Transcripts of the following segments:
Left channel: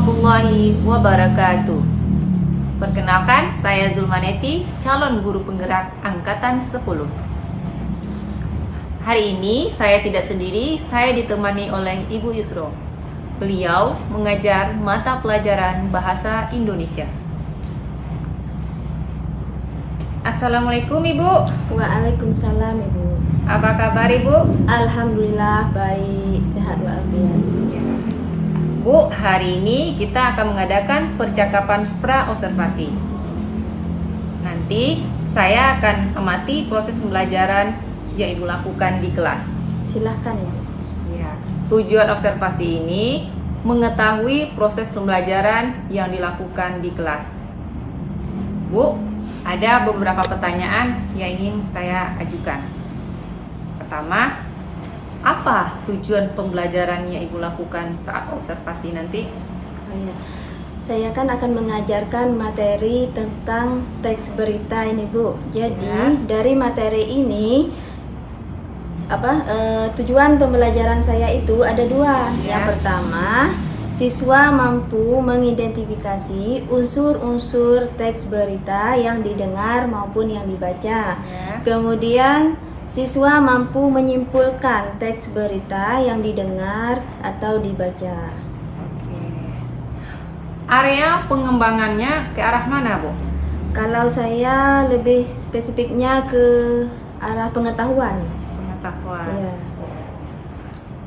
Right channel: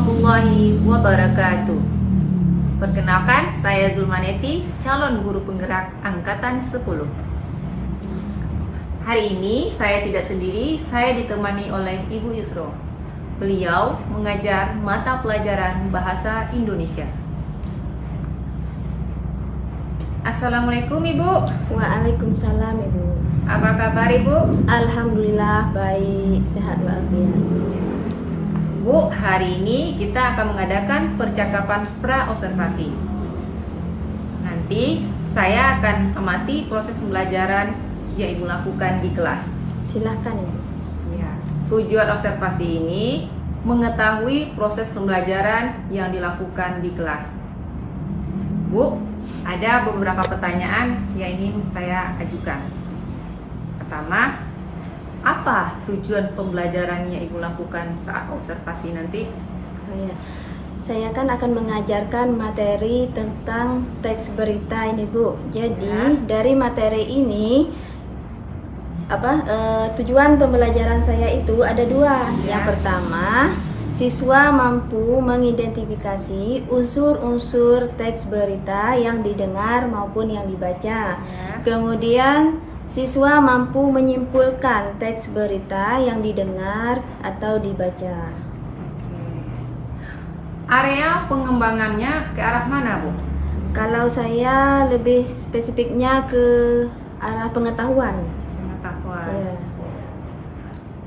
warahmatullahi wabarakatuh. Perkenalkan, saya Zulmaneti, calon guru penggerak Angkatan 10. Hari ini saya tidak sendiri, saya ditemani oleh Ibu Yusro. Beliau mengajar mata pelajaran Bahasa Indonesia. Assalamualaikum Ibu. Waalaikumsalam Ibu. Apa kabar Ibu? Alhamdulillah baik, sehat walafiat. Bu, hari ini kita akan mengadakan percakapan pra-observasi. Nanti saya akan amati proses pembelajaran yang Ibu lakukan di kelas. Silahkan Ibu. Ya. Tujuan observasi ini mengetahui proses pembelajaran yang dilakukan di kelas. Bu, ada beberapa pertanyaan yang ingin saya ajukan. Pertama, apa tujuan pembelajaran yang Ibu lakukan saat observasi nanti? Oh, ya. Saya kan akan mengajarkan materi tentang teks berita ini Bu. Jadi dari materi ini tujuan pembelajaran saya itu ada dua. Yang pertama, siswa mampu mengidentifikasi unsur-unsur teks berita yang didengar maupun yang dibaca. Kemudian siswa mampu menyimpulkan teks berita yang didengar atau dibaca. Oke. Area pengembangannya ke arah mana, Bu? Kalau saya lebih spesifiknya ke arah pengetahuan. Pengetahuan. Ya.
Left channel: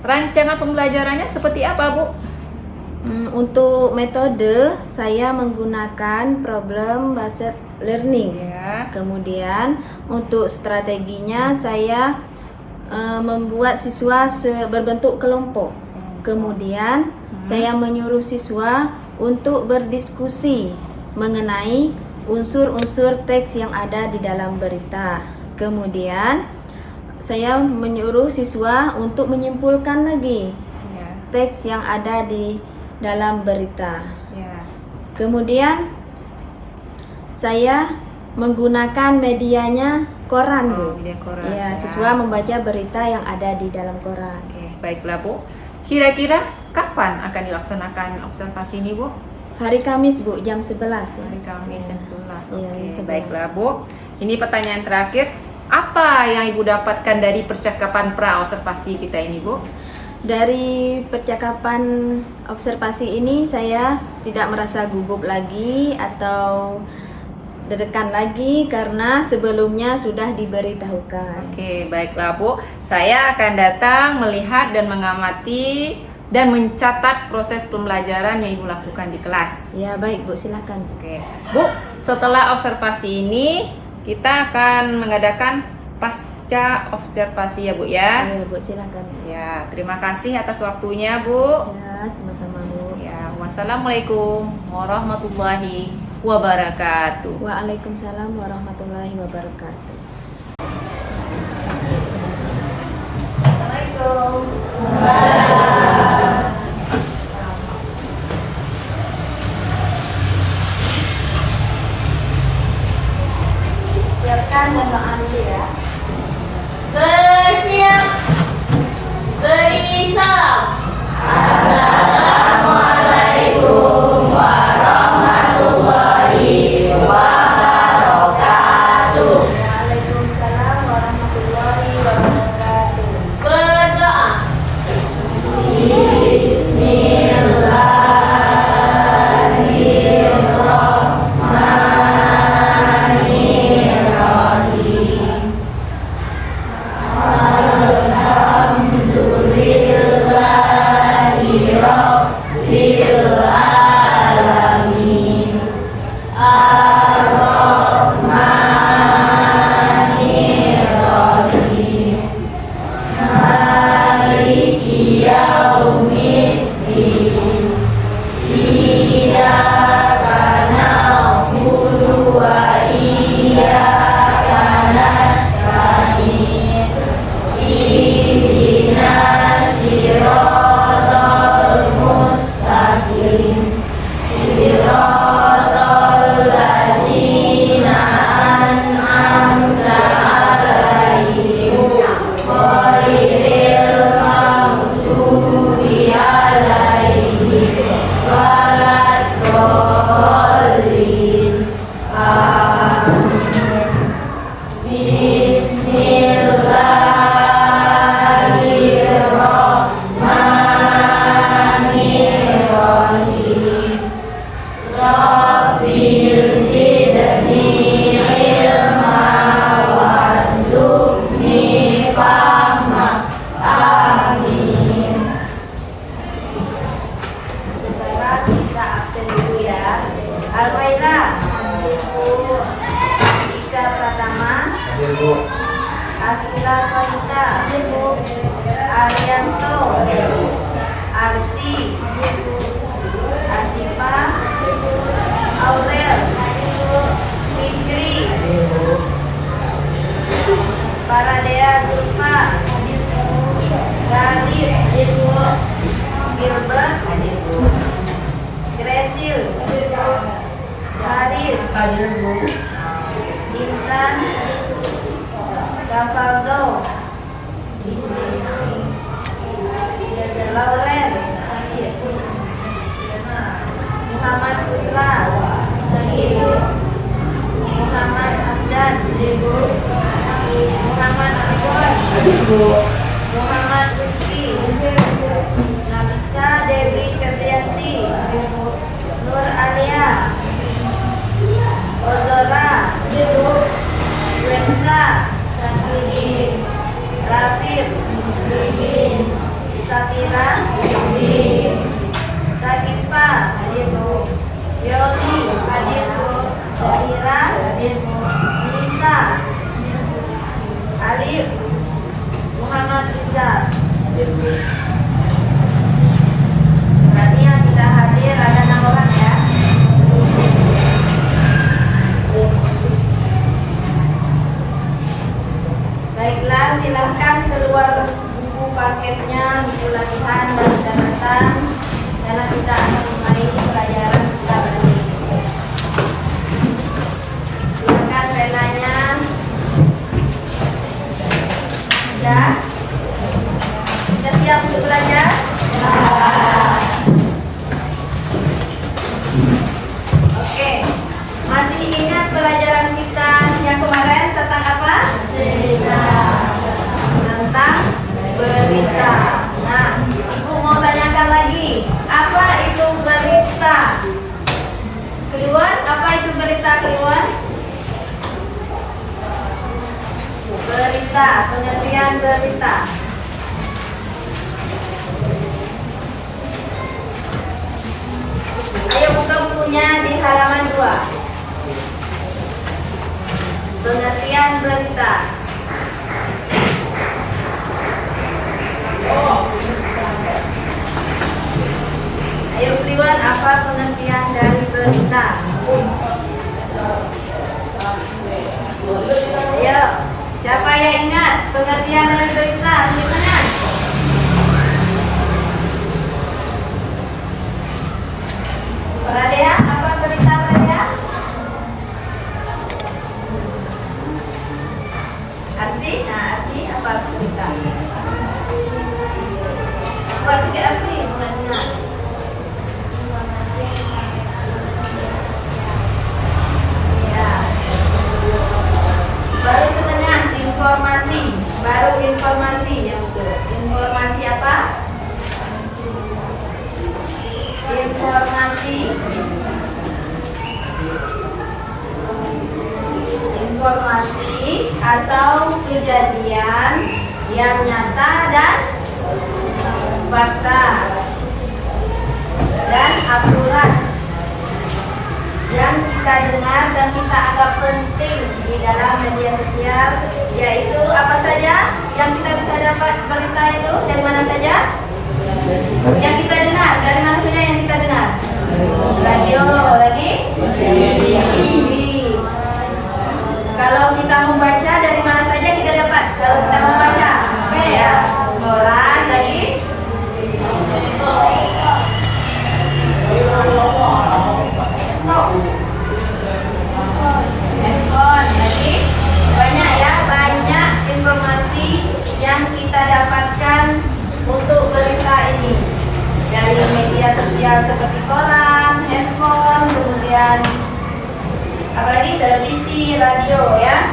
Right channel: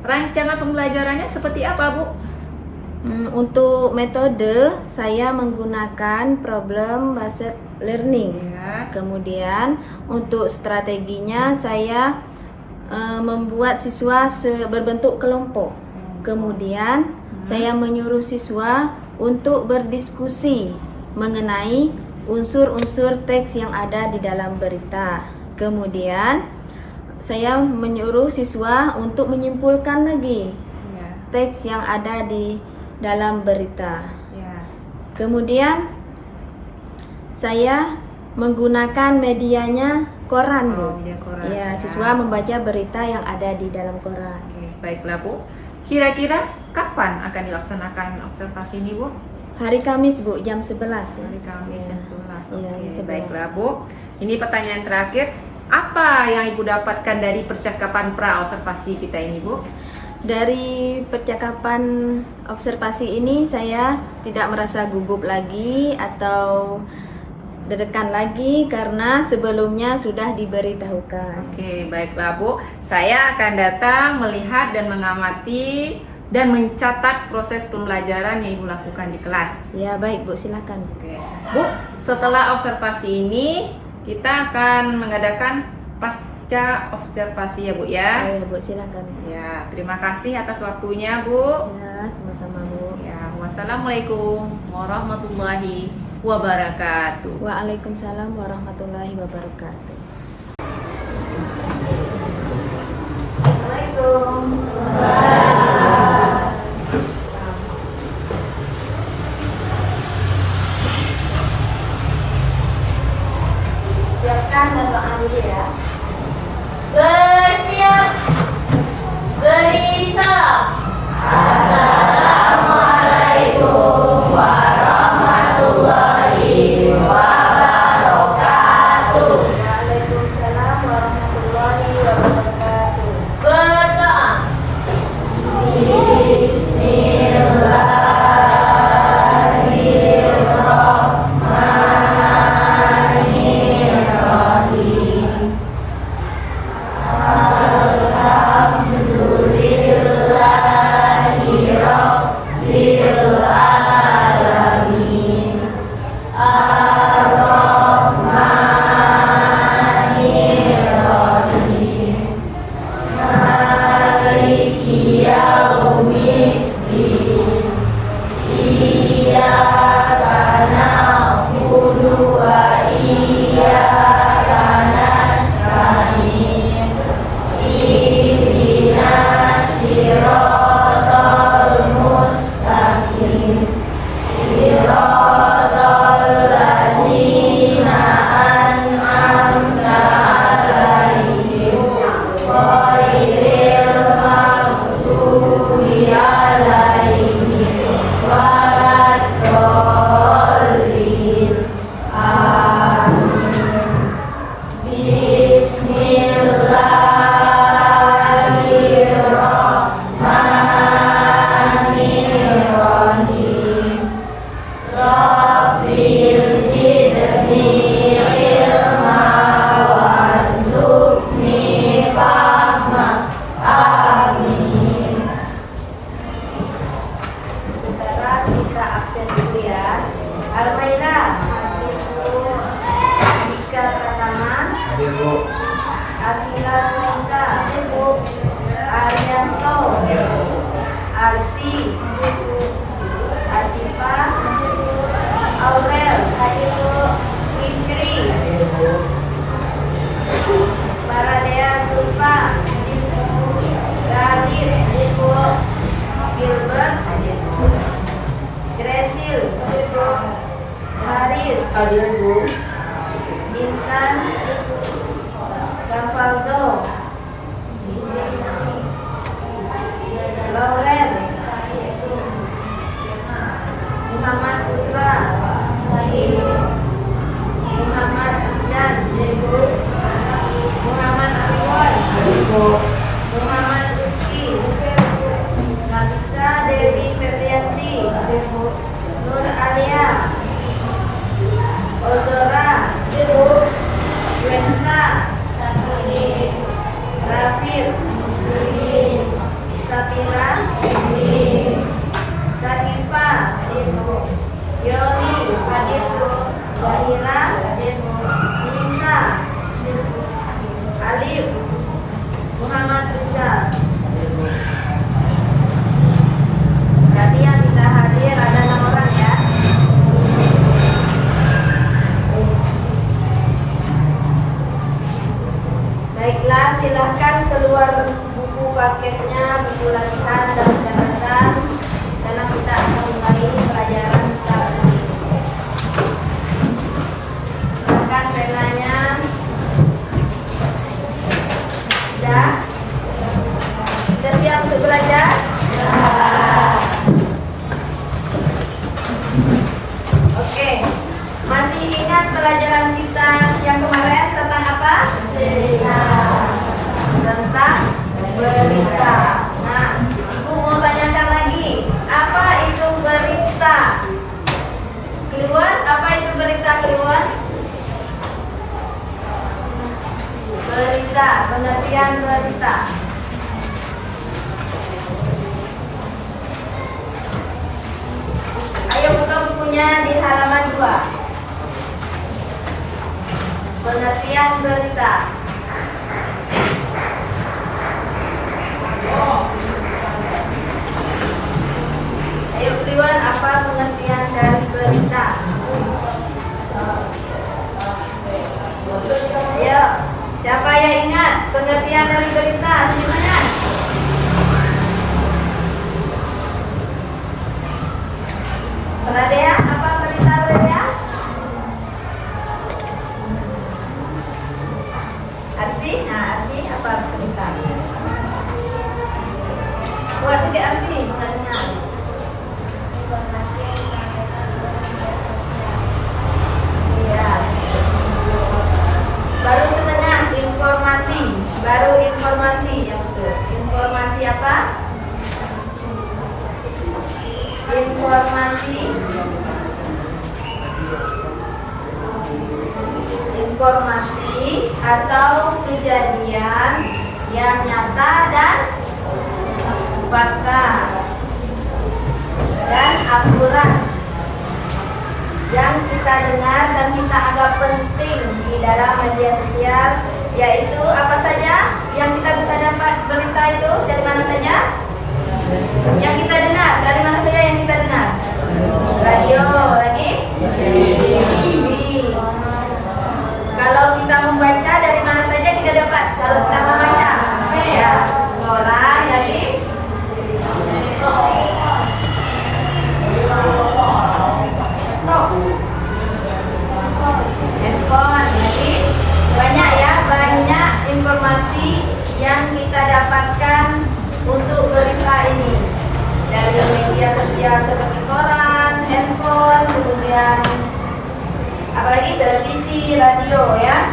Rancangan pembelajarannya seperti apa, Bu? Untuk metode saya menggunakan problem based learning. Ya. Kemudian untuk strateginya saya membuat siswa berbentuk kelompok. Kemudian saya menyuruh siswa untuk berdiskusi mengenai unsur-unsur teks yang ada di dalam berita. Kemudian saya menyuruh siswa untuk menyimpulkan lagi teks yang ada di dalam berita. Kemudian saya menggunakan medianya koran, Bu. Media koran. Ya, siswa membaca berita yang ada di dalam koran. Oke, baiklah Bu. Kira-kira kapan akan dilaksanakan observasi ini, Bu? Hari Kamis, Bu, jam 11 ya. Hari Kamis Ya. 11. Iya, Oke, 11. baiklah Bu. Ini pertanyaan terakhir. Apa yang Ibu dapatkan dari percakapan pra-observasi kita ini, Bu? Dari percakapan observasi ini saya tidak merasa gugup lagi atau deg-degan lagi karena sebelumnya sudah diberitahukan. Oke, baiklah Bu. Saya akan datang melihat dan mengamati dan mencatat proses pembelajaran yang Ibu lakukan di kelas. Ya, baik Bu, silakan. Oke. Bu, setelah observasi ini kita akan mengadakan pasca observasi ya Bu ya. Ya, Bu, silakan. Ya, terima kasih atas waktunya Bu. Ya, sama-sama Bu. Ya, wassalamualaikum warahmatullahi wabarakatuh. Waalaikumsalam warahmatullahi wabarakatuh. Assalamualaikum. Siapkan dan doa dulu ya. Bersiap, beri salam. Assalamualaikum warahmatullahi wabarakatuh. Waalaikumsalam warahmatullahi wabarakatuh. Berdoa. Bismillahirrahmanirrahim. Alhamdulillahi rabbil alamin. Ar-Rahmanir Rahim. Akila Noita, Arianto, Arsi, Asifa, Aurel, Fikri, Paradea Zulfa, Galis, Gilbert, Gresil, Haris, Intan, Gavaldo, Lauren, Muhammad Putra, Muhammad Abdan, Muhammad Argon, Muhammad Rizki, Nabisa Dewi Febrianti, Nur Alia, Ozora, Wensa, Rafir, Sapira, Takifa, Yoli, Zahira, Nisa, Alif, Muhammad Rizal. Berarti yang tidak hadir ada 6 orang ya. Baiklah, silahkan keluar buku paketnya, buku latihan dan catatan, karena kita akan mulai pelajaran kita hari ini. Silakan penanya. Sudah? Sudah siap untuk belajar? Oke. Masih ingat pelajaran kita yang kemarin tentang apa? Tentang berita. Nah, Ibu mau tanyakan lagi, apa itu berita? Kliwon, apa itu berita Kliwon? Berita, pengertian berita. Ayo buka bukunya di halaman 2. Pengertian berita. Ayo Kliwon, apa pengertian dari berita? Ayo, siapa yang ingat pengertian dari berita? Gimana? Pradea, apa berita Pradea? Arsi, nah Arsi apa berita? Buat juga Arsi, pengertian. Iya. Baru setengah informasi, baru informasi yang betul. Informasi apa? Informasi atau kejadian yang nyata dan fakta dan akurat yang kita dengar dan kita anggap penting di dalam media sosial, yaitu apa saja yang kita bisa dapat berita itu dari mana saja? Yang kita dengar, dari mana saja yang kita dengar? Radio, lagi? TV. Kalau kita membaca, dari mana saja kita dapat? Kalau kita membaca, ya, koran, lagi? Handphone, lagi? Banyak ya, banyak informasi yang kita dapatkan untuk berita ini dari media sosial seperti koran, handphone, kemudian apalagi televisi, radio ya.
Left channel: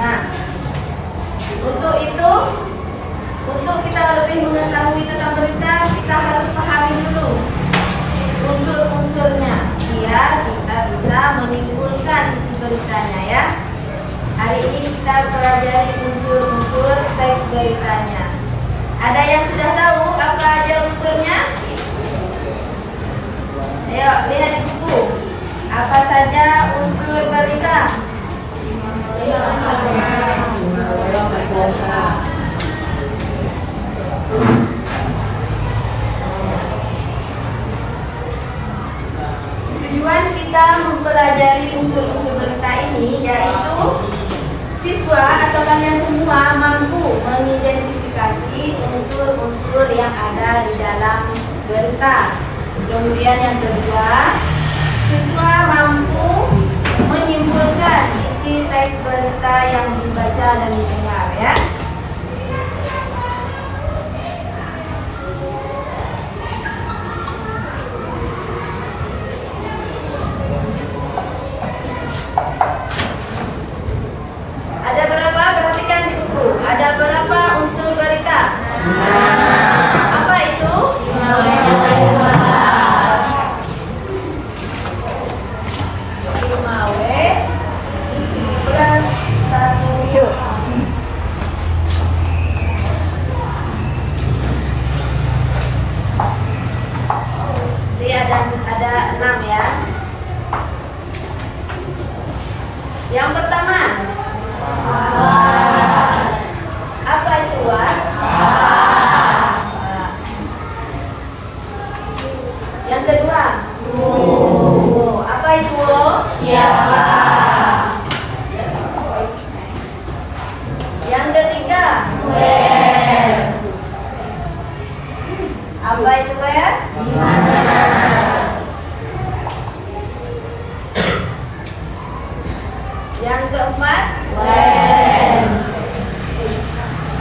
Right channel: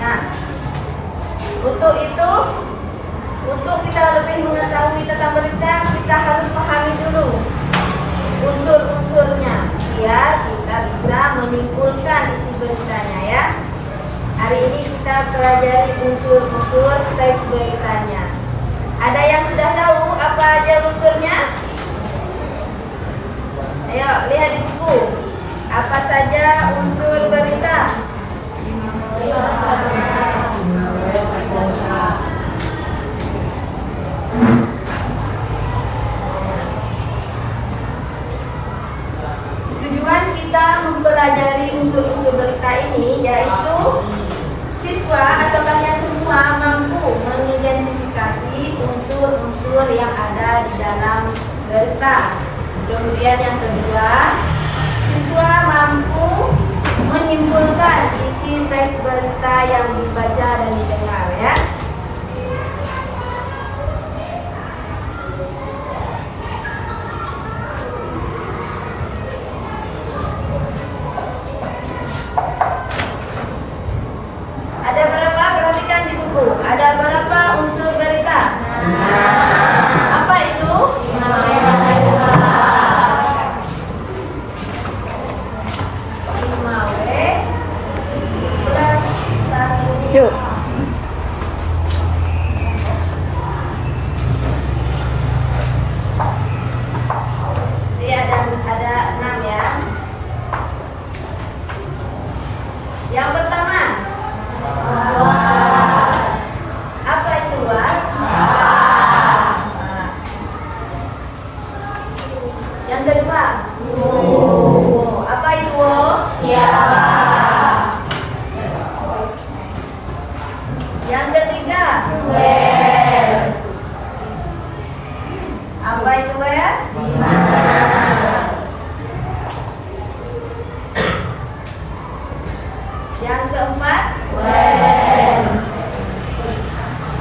Nah, untuk itu, untuk kita lebih mengetahui tentang berita, kita harus pahami dulu unsur-unsurnya biar kita bisa menyimpulkan isi beritanya ya. Hari ini kita pelajari unsur-unsur teks beritanya. Ada yang sudah tahu apa aja unsurnya? Ayo lihat di buku. Apa saja unsur berita? berita. Kemudian yang kedua, siswa mampu menyimpulkan isi teks berita yang dibaca dan didengar ya. Ada berapa? Perhatikan di buku. Ada berapa unsur berita? Apa itu? 5W plus 1H. Jadi ada 6 ya. Yang pertama, apa itu, Wak? Yang kedua, apa itu, Bu? Siapa? Yang ketiga, Where? apa itu, where? Yang keempat, When?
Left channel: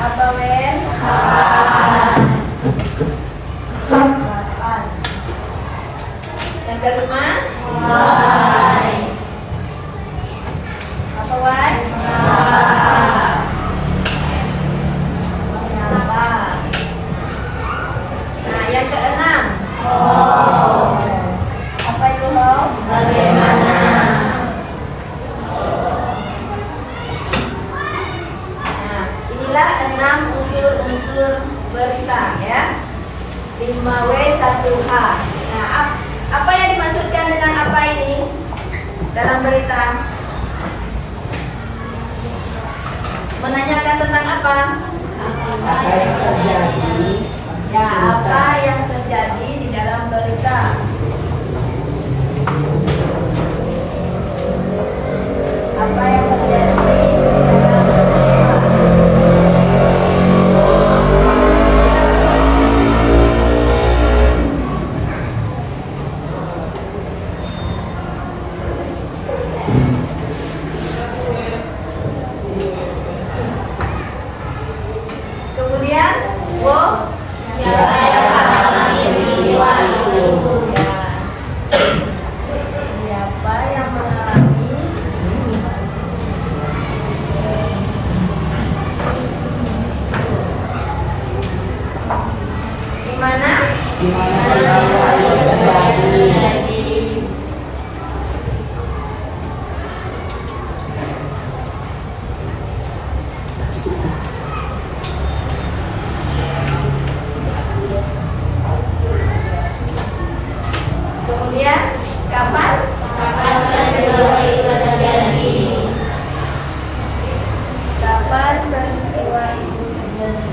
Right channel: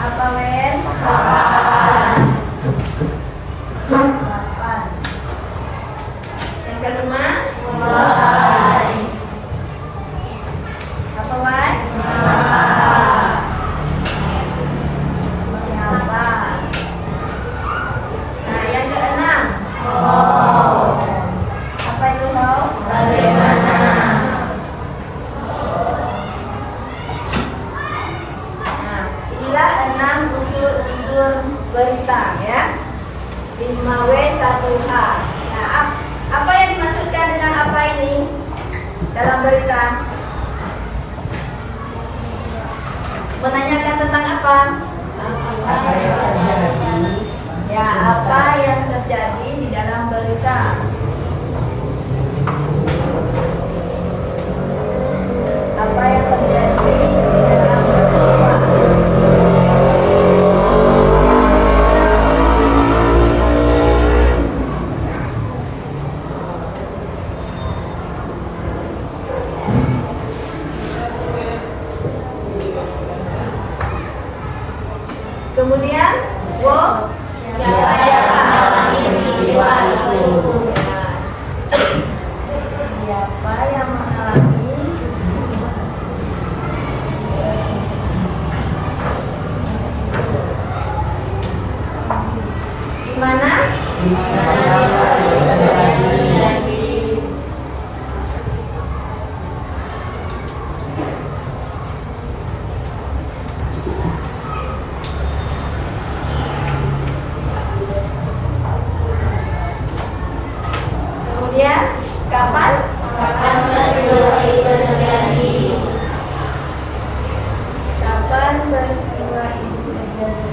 apa when? Kapan? Kapan? Yang kelima, Why? apa why? Mengapa? Nah, yang keenam, How? apa itu how? Bagaimana? Nah, inilah 6 unsur-unsur berita ya. 5W 1H. Nah, apa yang dimaksudkan dengan apa ini dalam berita? Menanyakan tentang apa? Ya, apa yang terjadi di dalam berita? Apa yang terjadi di dalam peristiwa? Kemudian, Siapa yang mengalami peristiwa itu? siapa yang mengalami? Di mana? Di mana peristiwa itu terjadi? Kemudian, kapan? Kapan peristiwa itu terjadi? Kapan peristiwa itu terjadi?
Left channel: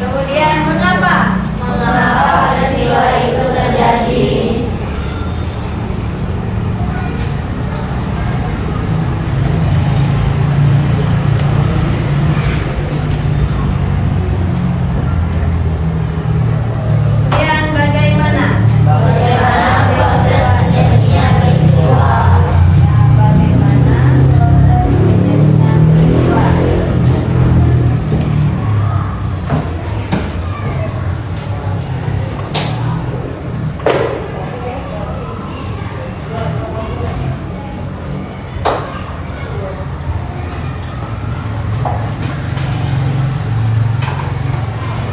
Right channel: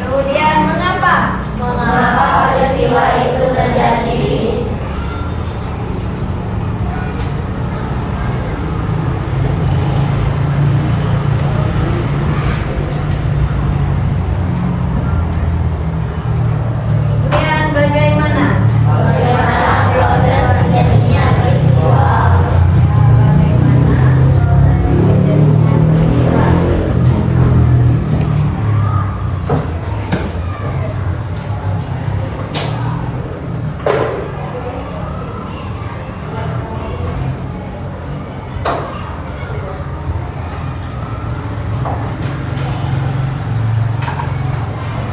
Kemudian, mengapa? Mengapa peristiwa itu terjadi? Kemudian, bagaimana? Bagaimana proses terjadinya peristiwa? Bagaimana proses terjadinya peristiwa?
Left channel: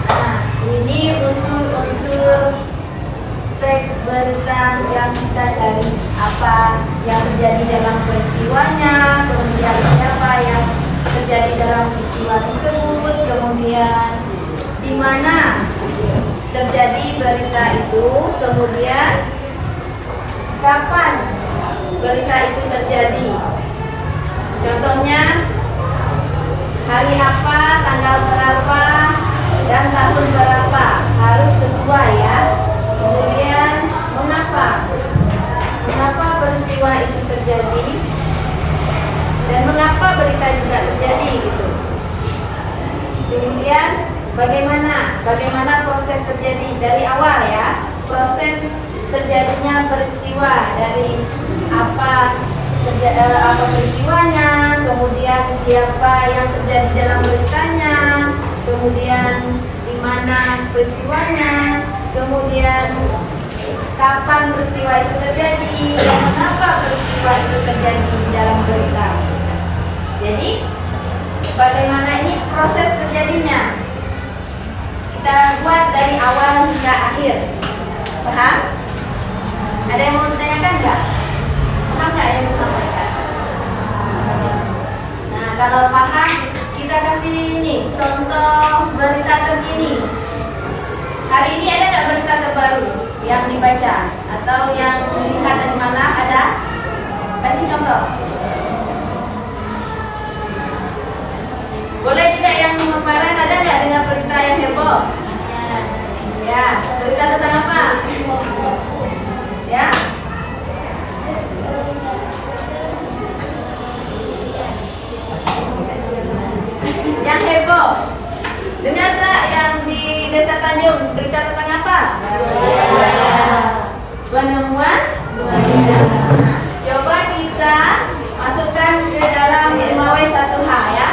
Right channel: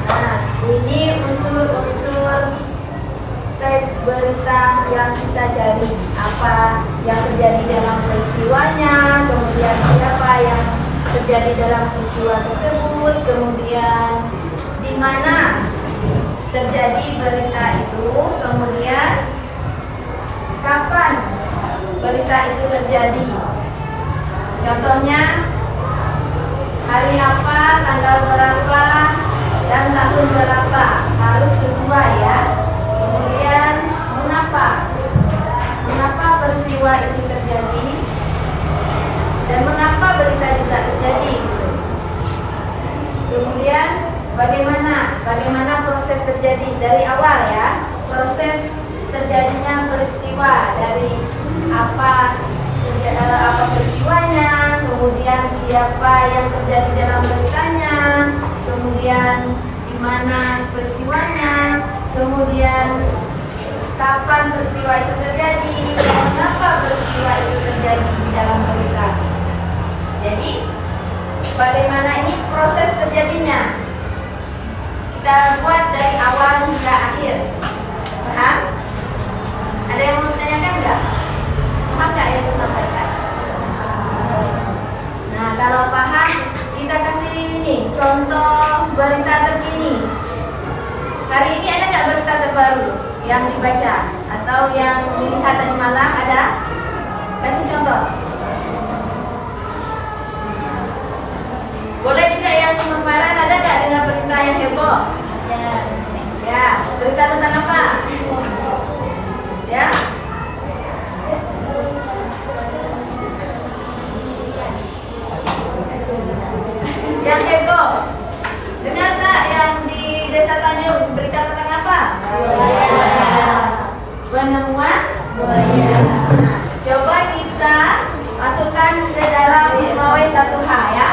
Nah, ini unsur-unsur teks berita yang kita cari. Apa yang terjadi dalam peristiwanya, kemudian siapa yang terjadi dalam peristiwa tersebut, kemudian di mana terjadi berita itu, kemudian kapan berita itu terjadi. Contohnya, hari apa, tanggal berapa, dan tahun berapa, harus sesuai ya. Kemudian mengapa peristiwa itu terjadi dan mengapa dari awal ya, proses terjadinya peristiwa dari apa peristiwanya, kemudian siapa yang terjadi dalam beritanya, kemudian di mana peristiwanya, kemudian kapan peristiwa itu terjadi, dan kenapa peristiwa itu terjadi di dalam berita. Jadi bagaimana ini proses terjadinya? Kita buat dari awal hingga akhir. Paham? Ada yang mau ditanyakan nggak? Paham nggak yang disampaikan? Nah, kalau paham, kita kasih ini contoh berita terkini. Hari ini ada nggak berita terbaru yang dibaca atau yang dilihat tadi malam ada? Kasih contoh. Boleh juga yang kemarin ada nggak dengan berita yang heboh? Ya, berita tentang apa? Ya. Yang heboh. Dengar tak yang di Desa Tanjung berita tentang apa? Penemuan buaya. Coba kita masukkan ke dalam 5W1H ya.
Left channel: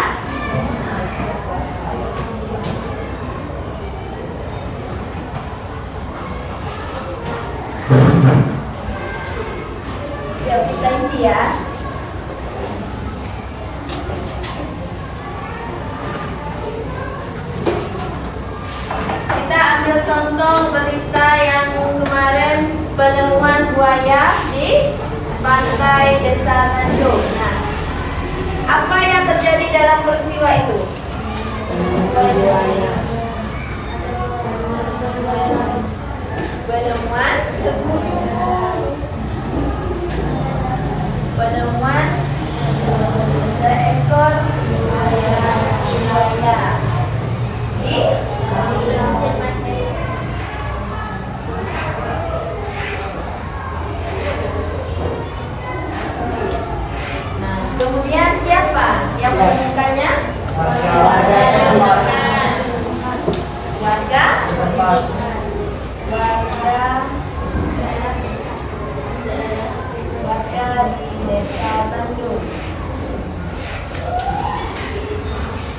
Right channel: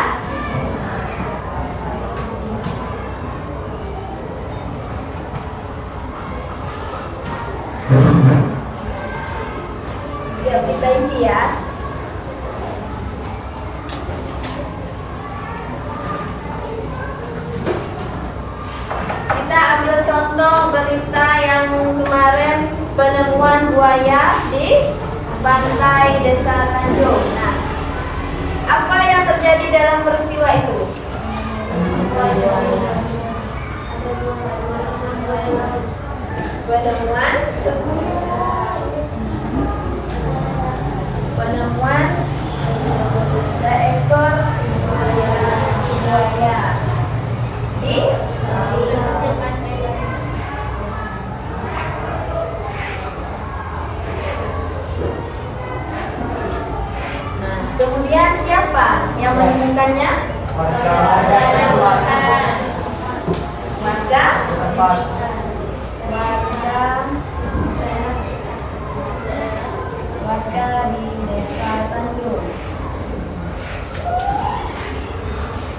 Yuk kita isi ya. Kita ambil contoh berita yang kemarin, penemuan buaya di pantai Desa Tanjung. Nah, apa yang terjadi dalam peristiwa itu? Penemuan seekor buaya di Nah, kemudian siapa yang menemukannya? Warga di Desa Tanjung.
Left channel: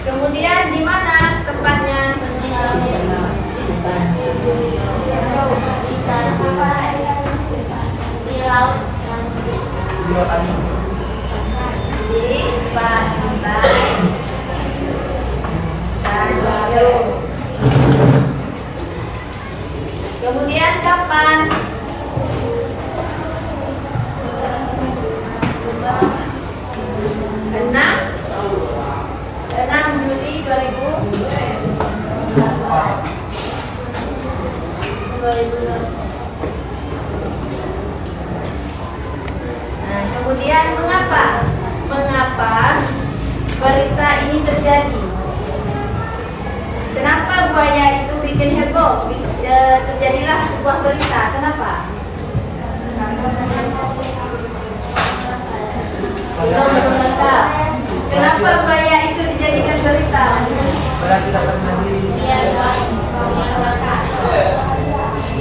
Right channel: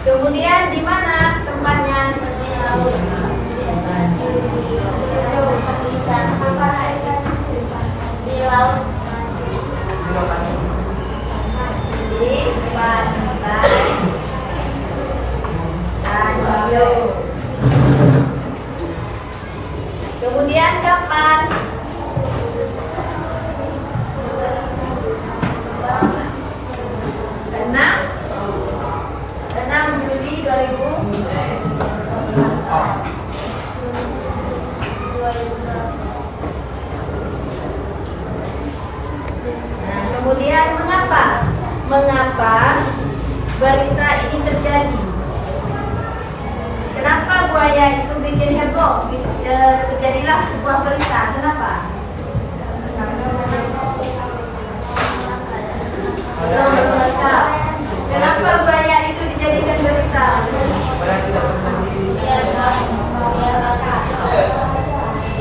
Kemudian di mana tempatnya? Di laut. Di pantai Tanjung. Kemudian kapan? 6 Juli 2004. Nah, kemudian mengapa berita ini terjadi? Kenapa buaya itu bikin heboh? Terjadilah sebuah berita. Kenapa? Kenapa buaya itu dijadikan berita?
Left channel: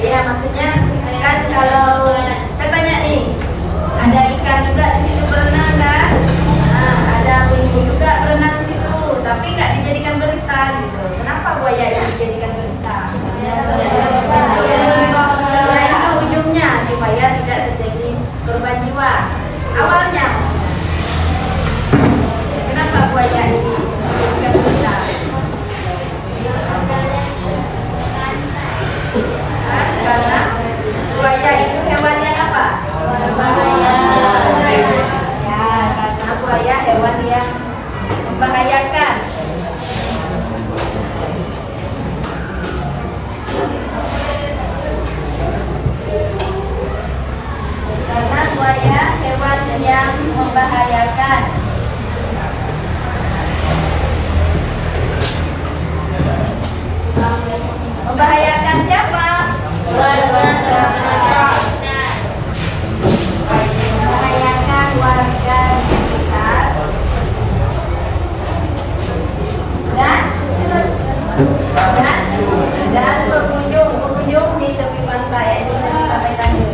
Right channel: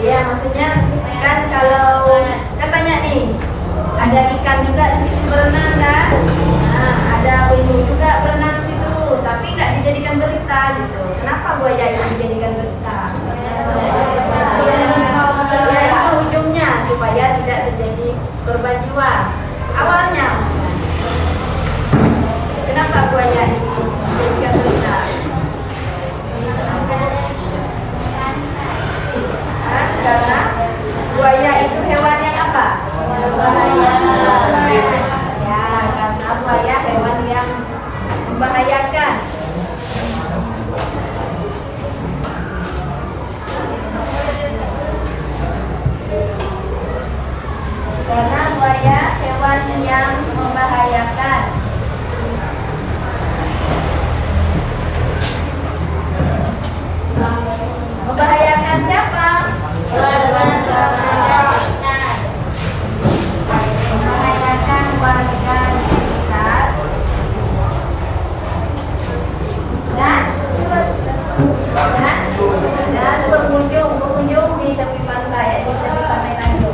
Iya, maksudnya kan kalau kan banyak nih, ada ikan juga di situ berenang kan? Nah, ada penyu juga berenang di situ, tapi nggak dijadikan berita gitu. Kenapa buaya itu dijadikan berita? Karena itu ujungnya supaya tidak terjadi korban jiwa. Awalnya kenapa buaya ini dijadikan berita? Karena buaya itu hewan yang apa? Ya, karena buaya hewan yang membahayakan. Karena buaya hewan yang membahayakan. Membahayakan siapa? Membahayakan warga di sekitar di tepi pantai, yaitu tepi pantai Tanjung.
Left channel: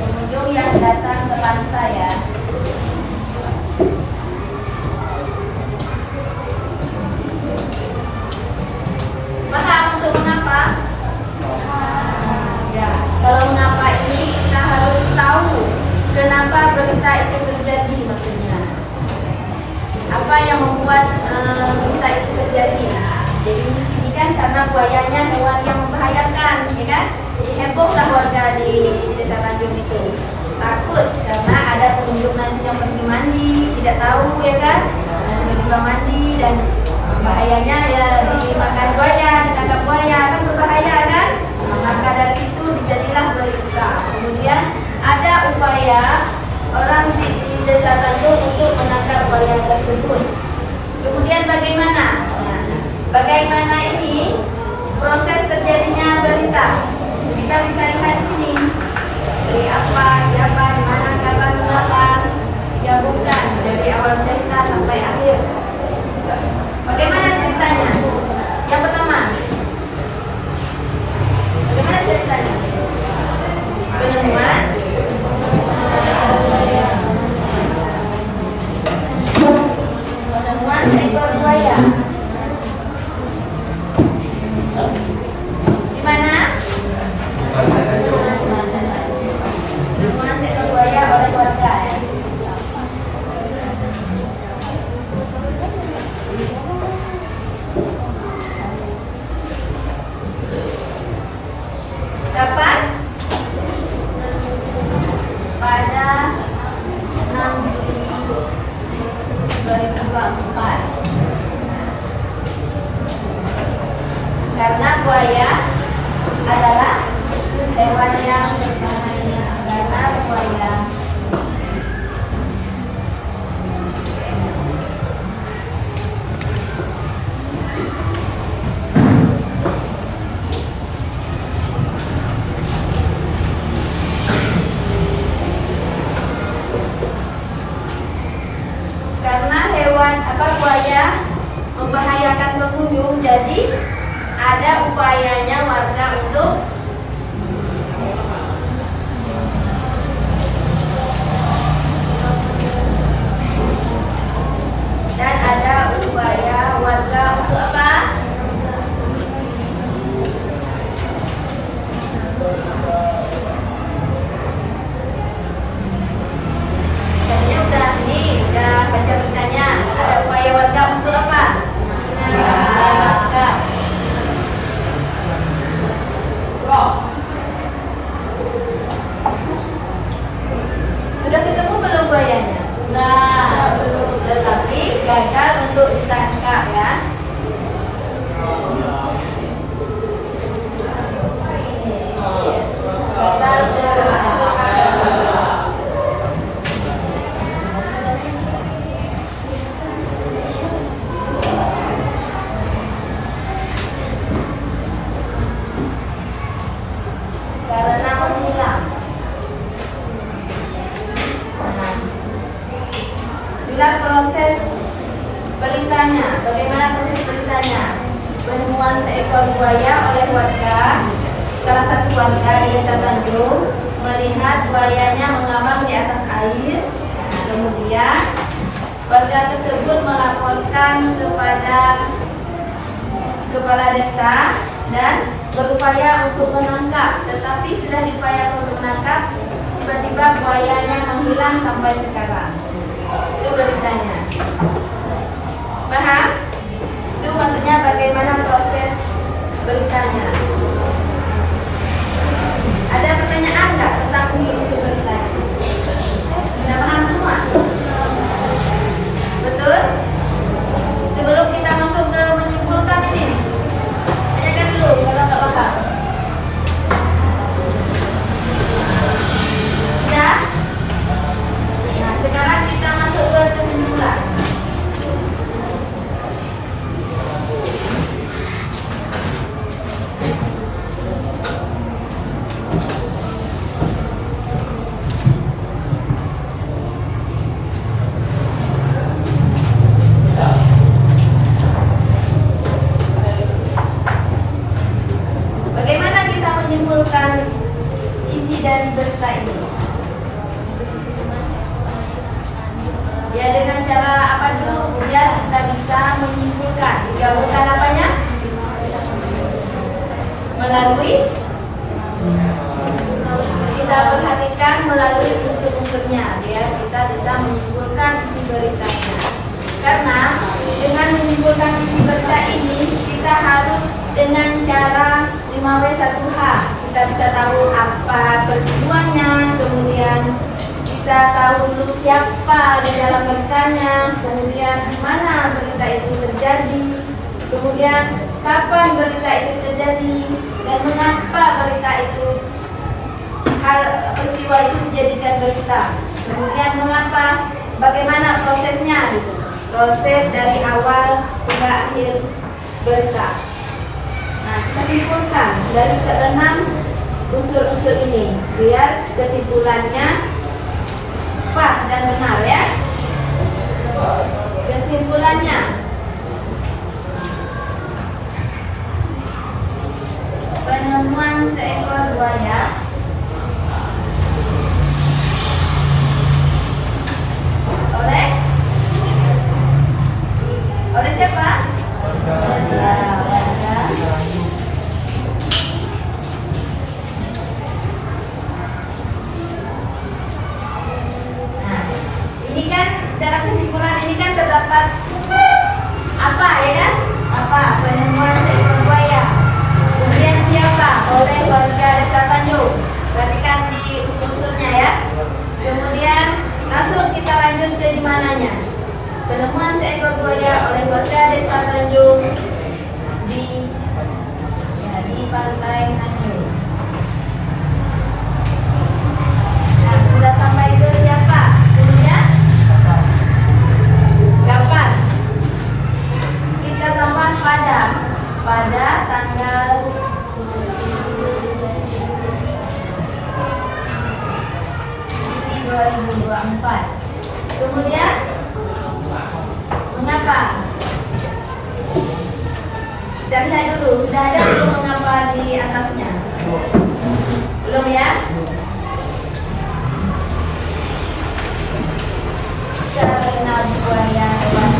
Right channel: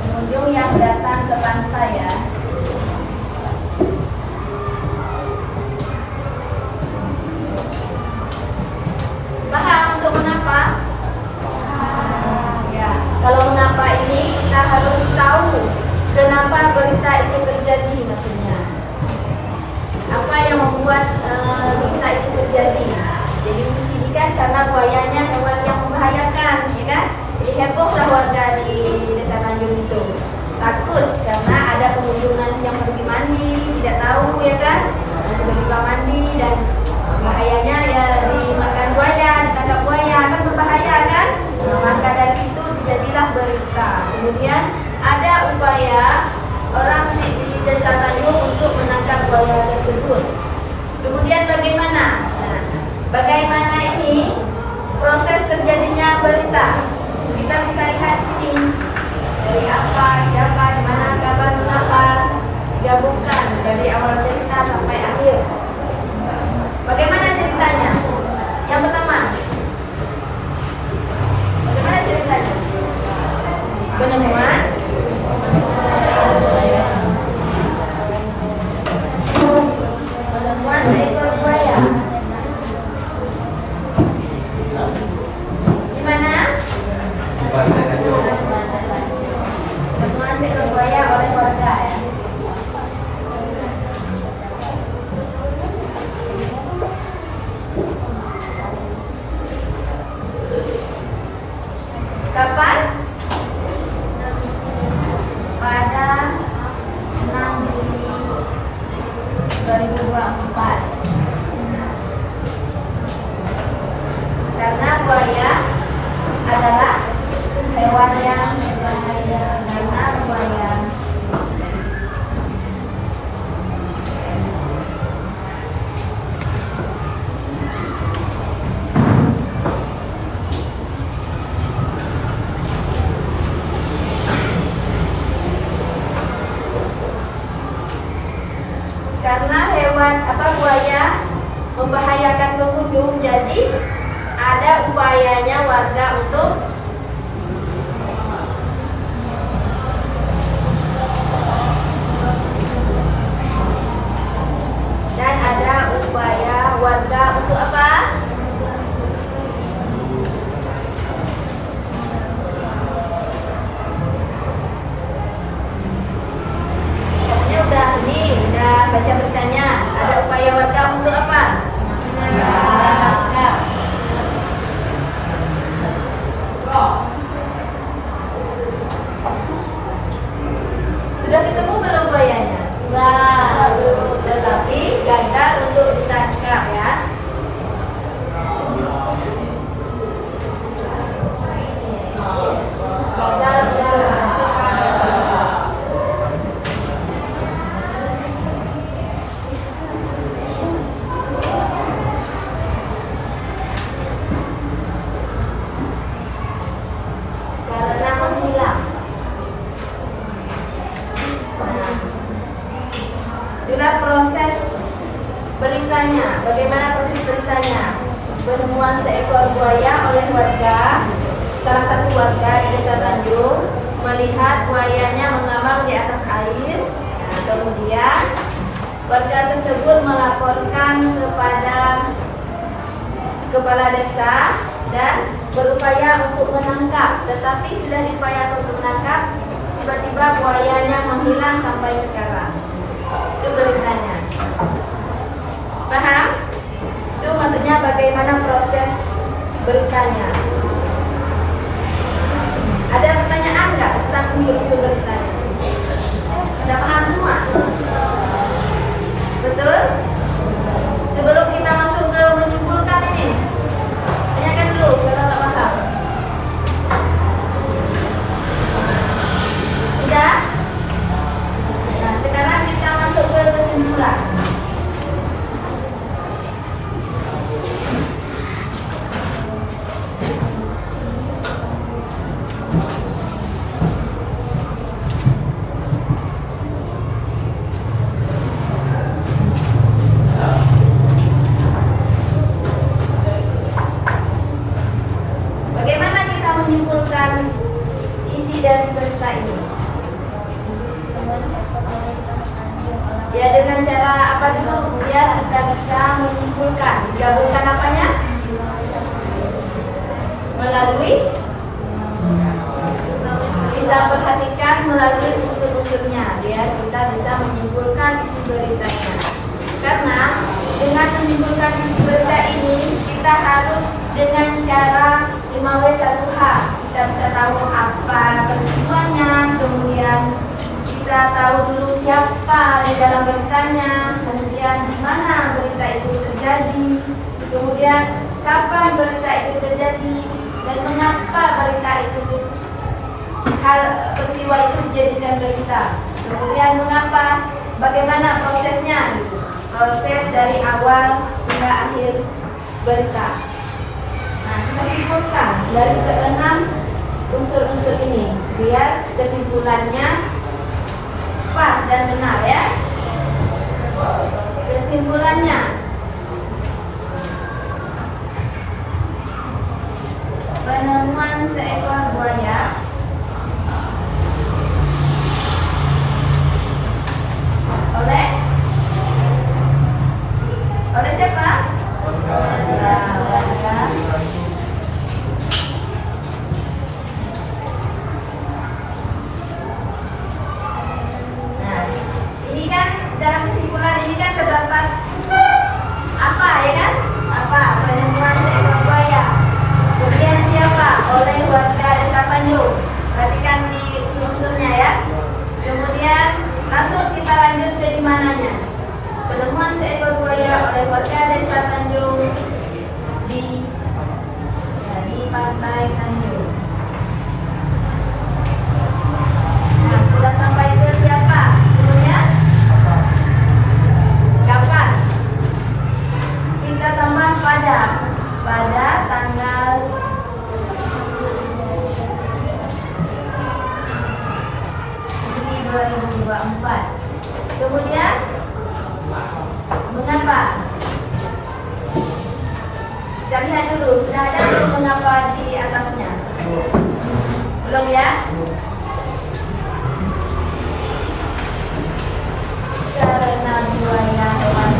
Pengunjung yang datang ke pantai ya. Paham untuk mengapa? Ya, kalau mengapa ini kita harus tahu kenapa berita itu terjadi maksudnya. Apa yang membuat berita itu terjadi? Jadi ini kan karena buayanya hewan yang membahayakan, ya kan? Jadi hebohlah warga di Desa Tanjung itu. Takut karena ada pengunjung nanti yang pergi mandi, tidak tahu ya kan? Tiba-tiba mandi dan bahayanya ya dimakan buaya, ditangkap buaya kan berbahaya kan? Maka dari situ dijadilah berita. Kemudian ada upaya orang di Desa Tanjung untuk menangkap buaya tersebut. Kemudian bagaimana? Nah, bagaimana ini proses terjadinya berita? Kita bisa lihat di sini. Dari apa, siapa, di mana, kapan, mengapa digabungkan dari awal cerita sampai akhir. Bagaimana ceritanya? Yang pertama, bagaimana ceritanya? Penemuan seekor buaya. Di mana? Penemuan seekor buaya oleh warga ya. Kapan? Pada 6 Juli 2024. Karena buaya adalah hewan yang berbahaya. Karena buaya buaya membahayakan pengunjung, jadi ada upayanya warga untuk apa? Udah baca beritanya. Ada upaya warga untuk apa? Menangkap. Sudah ketemu belum buayanya? Nah, tetapi gagal untuk ditangkap ya. Gagal untuk karena menghilang. Itulah proses beritanya. Bagaimana proses beritanya? Penemuan seekor buaya oleh warga. Salah satu warga di Desa Tanjung melihat buayanya mengambang di atas air. Nah, kemudian warga tersebut melaporkan kepada kepala desa dan berupaya untuk menangkap. Tetapi sudah diupayakan untuk menangkap, tiba-tiba buayanya menghilang sampai sekarang. Itu beritanya. Paham? Itu maksudnya bagaimana proses beritanya. Ada pertanyaan nggak tentang unsur-unsur beritanya? Sudah paham semua? Betul? Sebelum kita masuk ke menyimpulkan ini, tanyakan dulu kalau nggak paham. Sudah? Nah, sekarang kita masuk ke kesimpulan. melalui unsur-unsurnya biar kita bisa menyimpulkan isi beritanya. Karena dengan menyimpulkan isi berita ini kita harus dengan cara 5W1H. Kita bisa tahu apa peristiwanya, kemudian kita tahu dulu siapa di dalam beritanya, kemudian di mana berita itu terjadi, kemudian kapan berita itu terjadi, dan mengapa berita itu peristiwa itu dijadikan berita. Kemudian mengapa, bagaimana prosesnya, gitu. Proses dari awal hingga akhir berita. Nah, kita simpulkan dari keenam unsur-unsur ini biar kesimpulannya pas dan benar ya. Kesimpulannya, penemuan seekor buaya oleh siapa? Ya, nah, ini kan dalam kesimpulan ini kan terdapat apa ya kan? Apa? Penemuan seekor buaya. Kemudian siapa? Oleh warga Desa Tanjung. Perhatikan di unsur-unsurnya ya. Kemudian langsung kita lanjut ke di mananya. Penemuan seekor buaya oleh warga Desa Tanjung di Pantai Tanjung. Nah, sudah sampai ke siapa? Kemudian kapan? Kita tambah pada tanggal 2024. Kemudian mengapa? Kita lihat dulu, sudah ada belum mengapa di atasnya? Belum ya? Karena buaya hewan.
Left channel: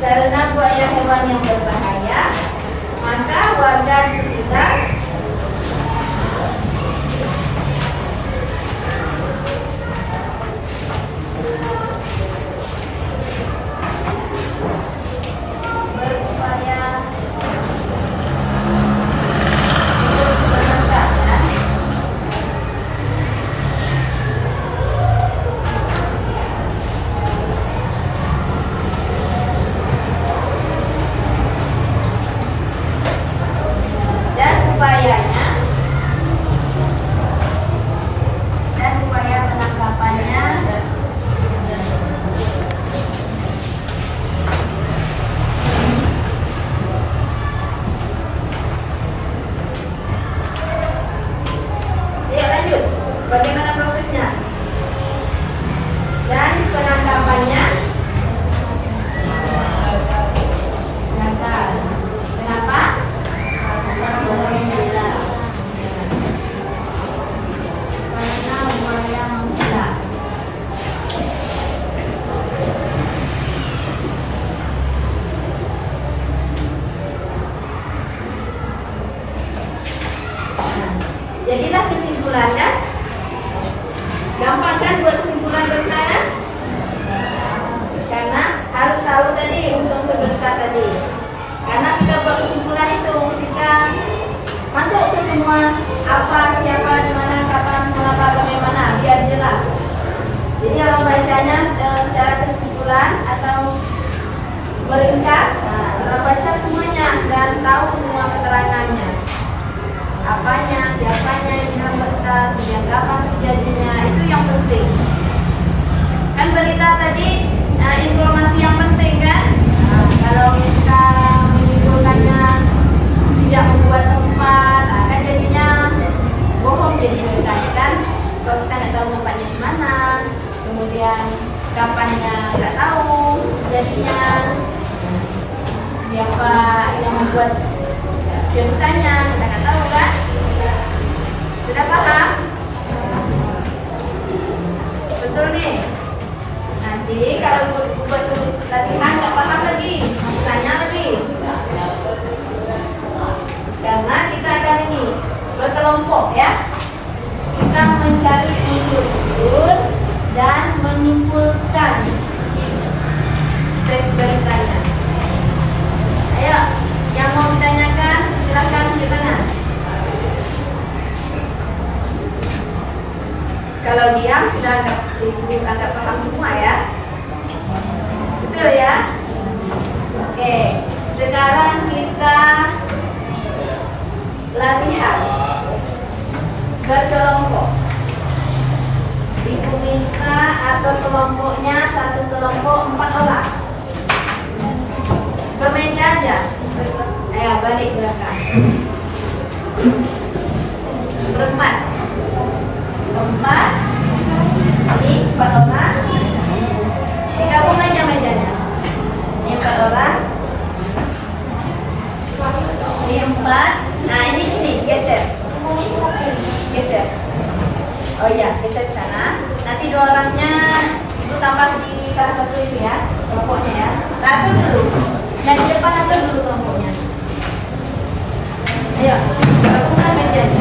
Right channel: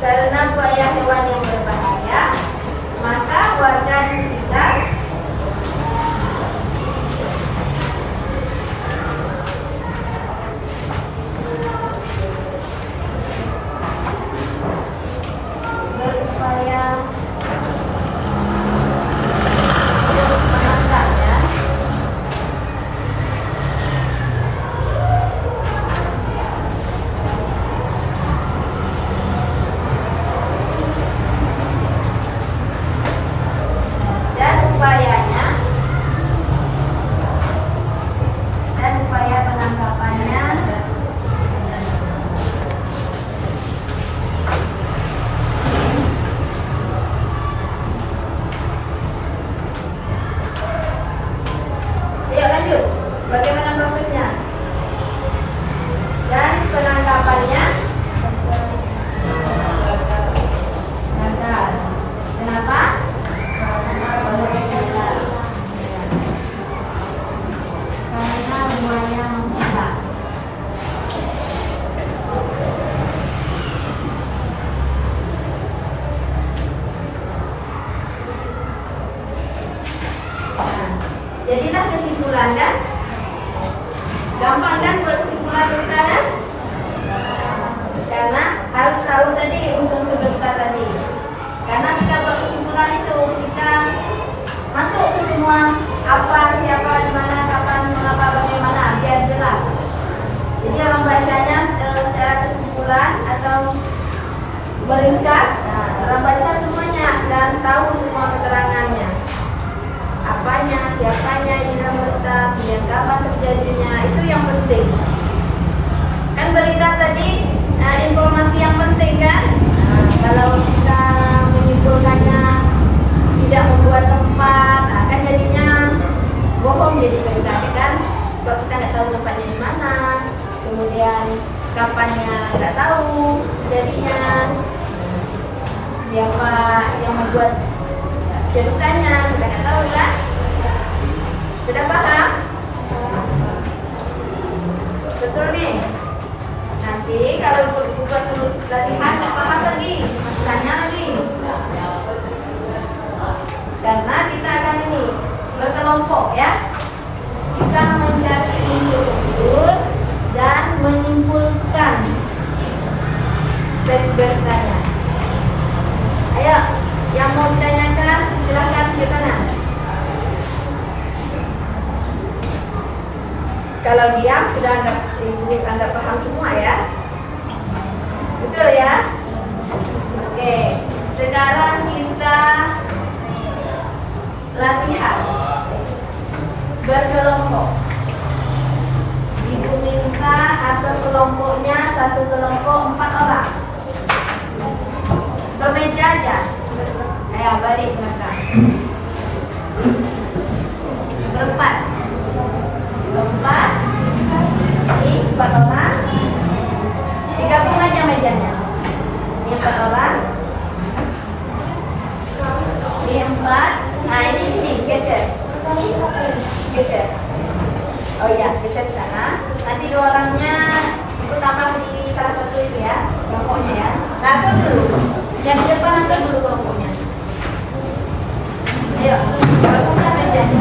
Karena buaya hewan yang berbahaya, maka warga di sekitar berupaya menekan ya. Dan upaya penangkapannya lanjut. Bagaimana prosesnya? Dan penangkapannya gagal. Kenapa? Karena buaya menghilang. Jadilah kesimpulan kan? Gampang kan buat kesimpulan berita kan? Karena harus tahu tadi unsur-unsur berita tadi. Karena kita buat kesimpulan itu kita masuk ke semua apa, siapa, di mana, kapan, mengapa, bagaimana biar jelas. Jadi orang bacanya secara kesimpulan atau meringkas, nah, orang baca semuanya dan tahu semua keterangannya. Apanya, siapanya di dalam berita, kemudian kapan terjadinya, itu yang penting. Kan berita tadi informasi yang penting kan? Nah, kalau kita menyimpulkannya tidak membuat tempat, akan jadinya bohong jadi beritanya kan? Kalau kita nggak tahu tempatnya di mana, kemudian kapannya nggak tahu, jadinya siapa yang membuat ceritanya kita nggak tahu kan? Sudah paham? Betul nih. Nanti kalau buat latihan nggak paham lagi kelompok ya. Kita mencari unsur-unsur dan menyimpulkan teks beritanya. Ayo, yang mau ditanyakan silakan di tengah. Kalau diam sudah anggap paham semua ya. Betul ya? Oke, sekarang kita latihan berkelompok. Ibu minta atur kelompoknya, satu kelompok 4 orang. Bermeja aja. Ayo balik belakang. Berempat. Keempat. Ini 4 orang. Digabung aja mejanya. Ini 4 orang. Ini 4. Nah ini sini geser. Geser. Oh iya, geser ke sana. Nanti 2 orangnya itu tambah di salah satu itu ya, kelompoknya ya. Atur dulu. Yang di depan atur dulu kelompoknya. Ayo, lakukan mejanya.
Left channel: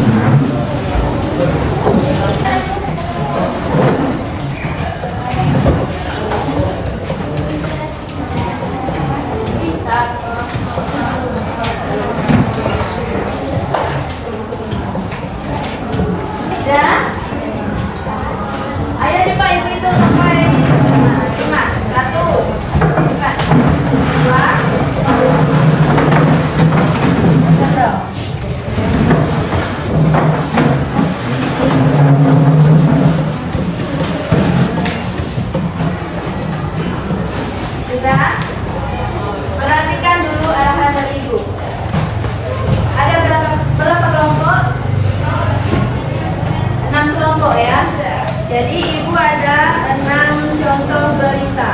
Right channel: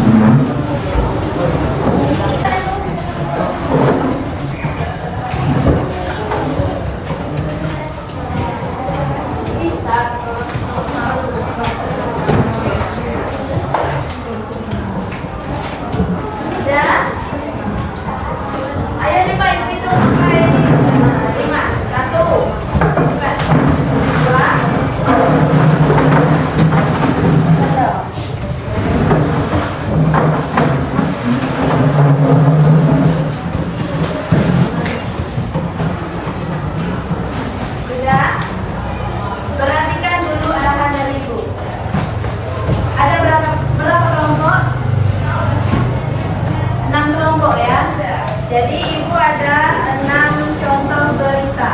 Jadi ibu ada 6 contoh berita.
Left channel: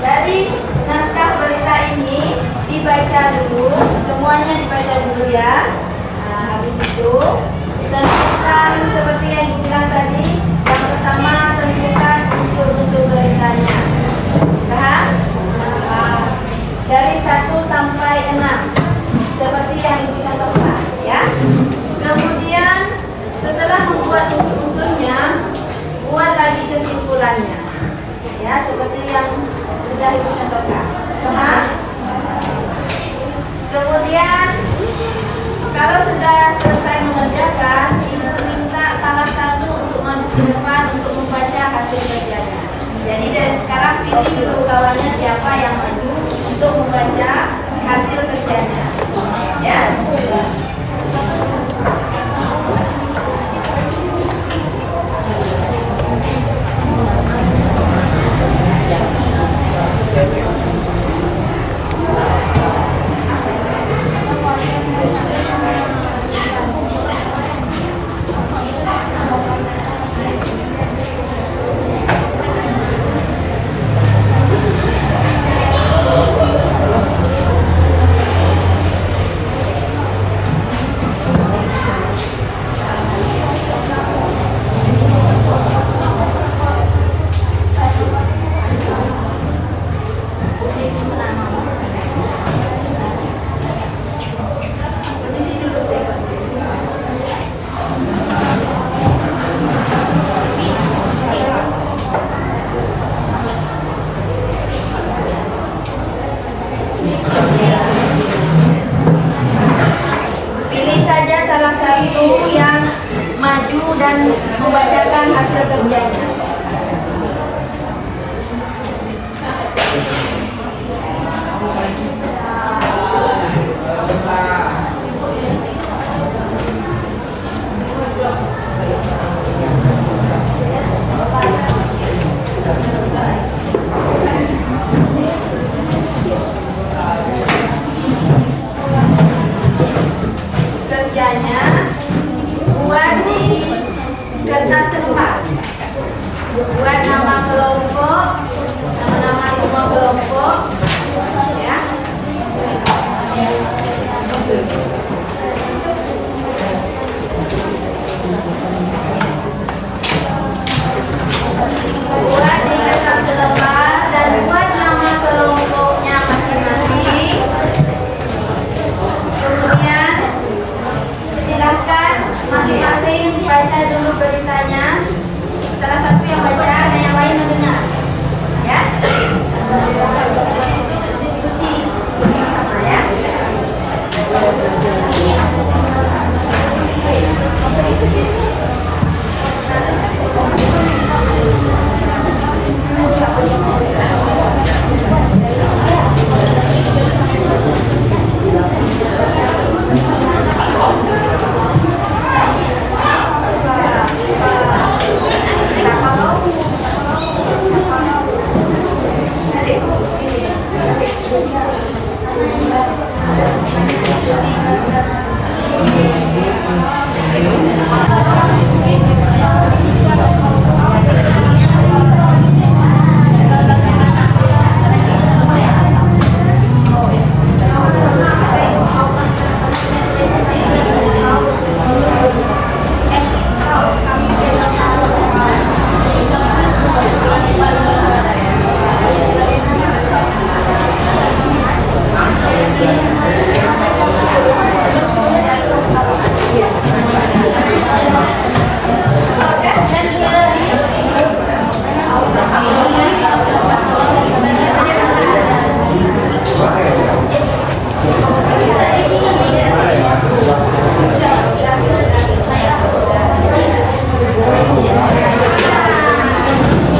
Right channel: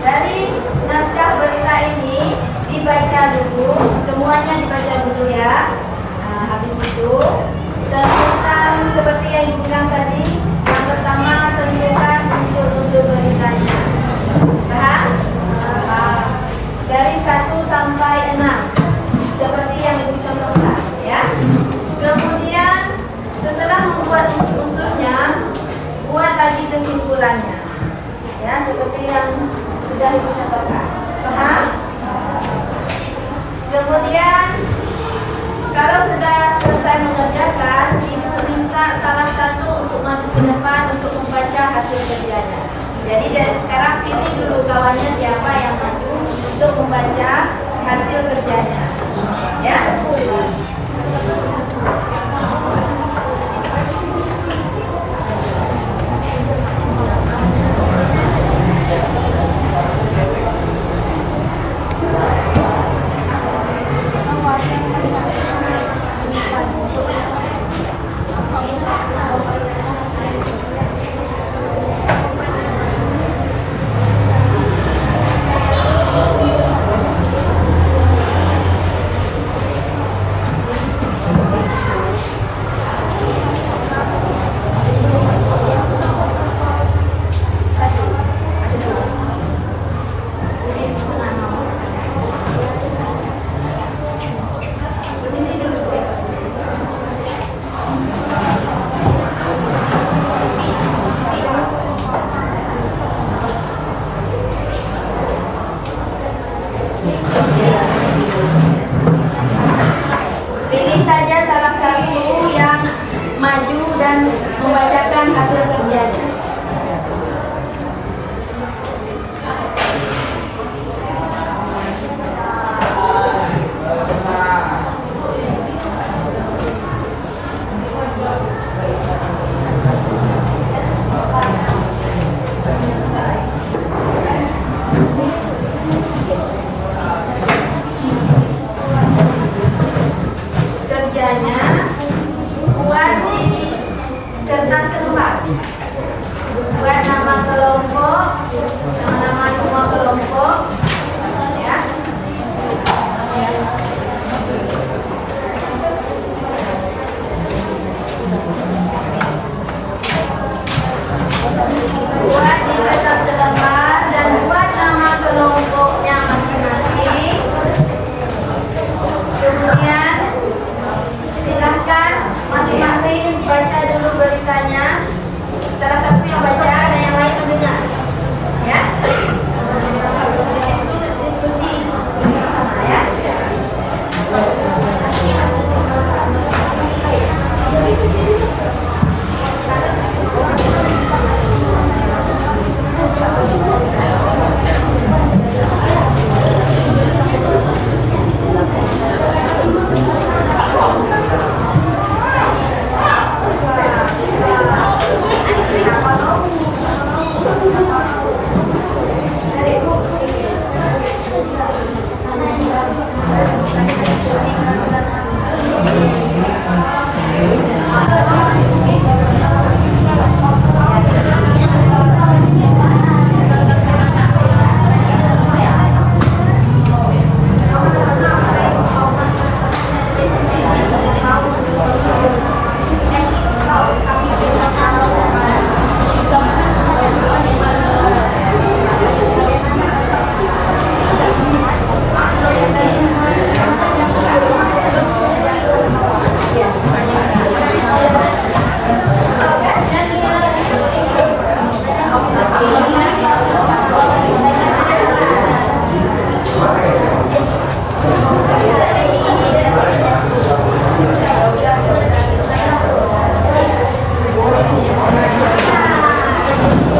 Dari naskah berita ini dibaca dulu, semuanya dibaca dulu ya. Nah, habis itu tentukan seperti yang ibu bilang tadi. Yang pertama tentukan unsur-unsur beritanya. Paham? Dari 1 sampai 6 seperti yang ibu contohkan ya. Kemudian setelah membuat unsurnya, buat lagi kesimpulannya. Ya, seperti yang sudah ibu contohkan. Paham? Kemudian kalau sudah selesai mengerjakan, ibu minta salah satu untuk maju ke depan untuk membaca hasil kerjanya. Jadi dari sekarang pilih dulu kawannya siapa yang maju untuk membaca hasil kerjanya. Ya. Pilih saja salah satu yang maju dan membacakan hasil kerjanya. Kerjanya buat di kertas sempat, buat nama kelompok, nama-nama semua kelompok, ya. Buat di kertas sempat dan buat nama kelompoknya masing-masing. Kemudian dulu beritanya. Salah satu yang baca dan yang lain mendengar. Ya. Diskusi sama ya.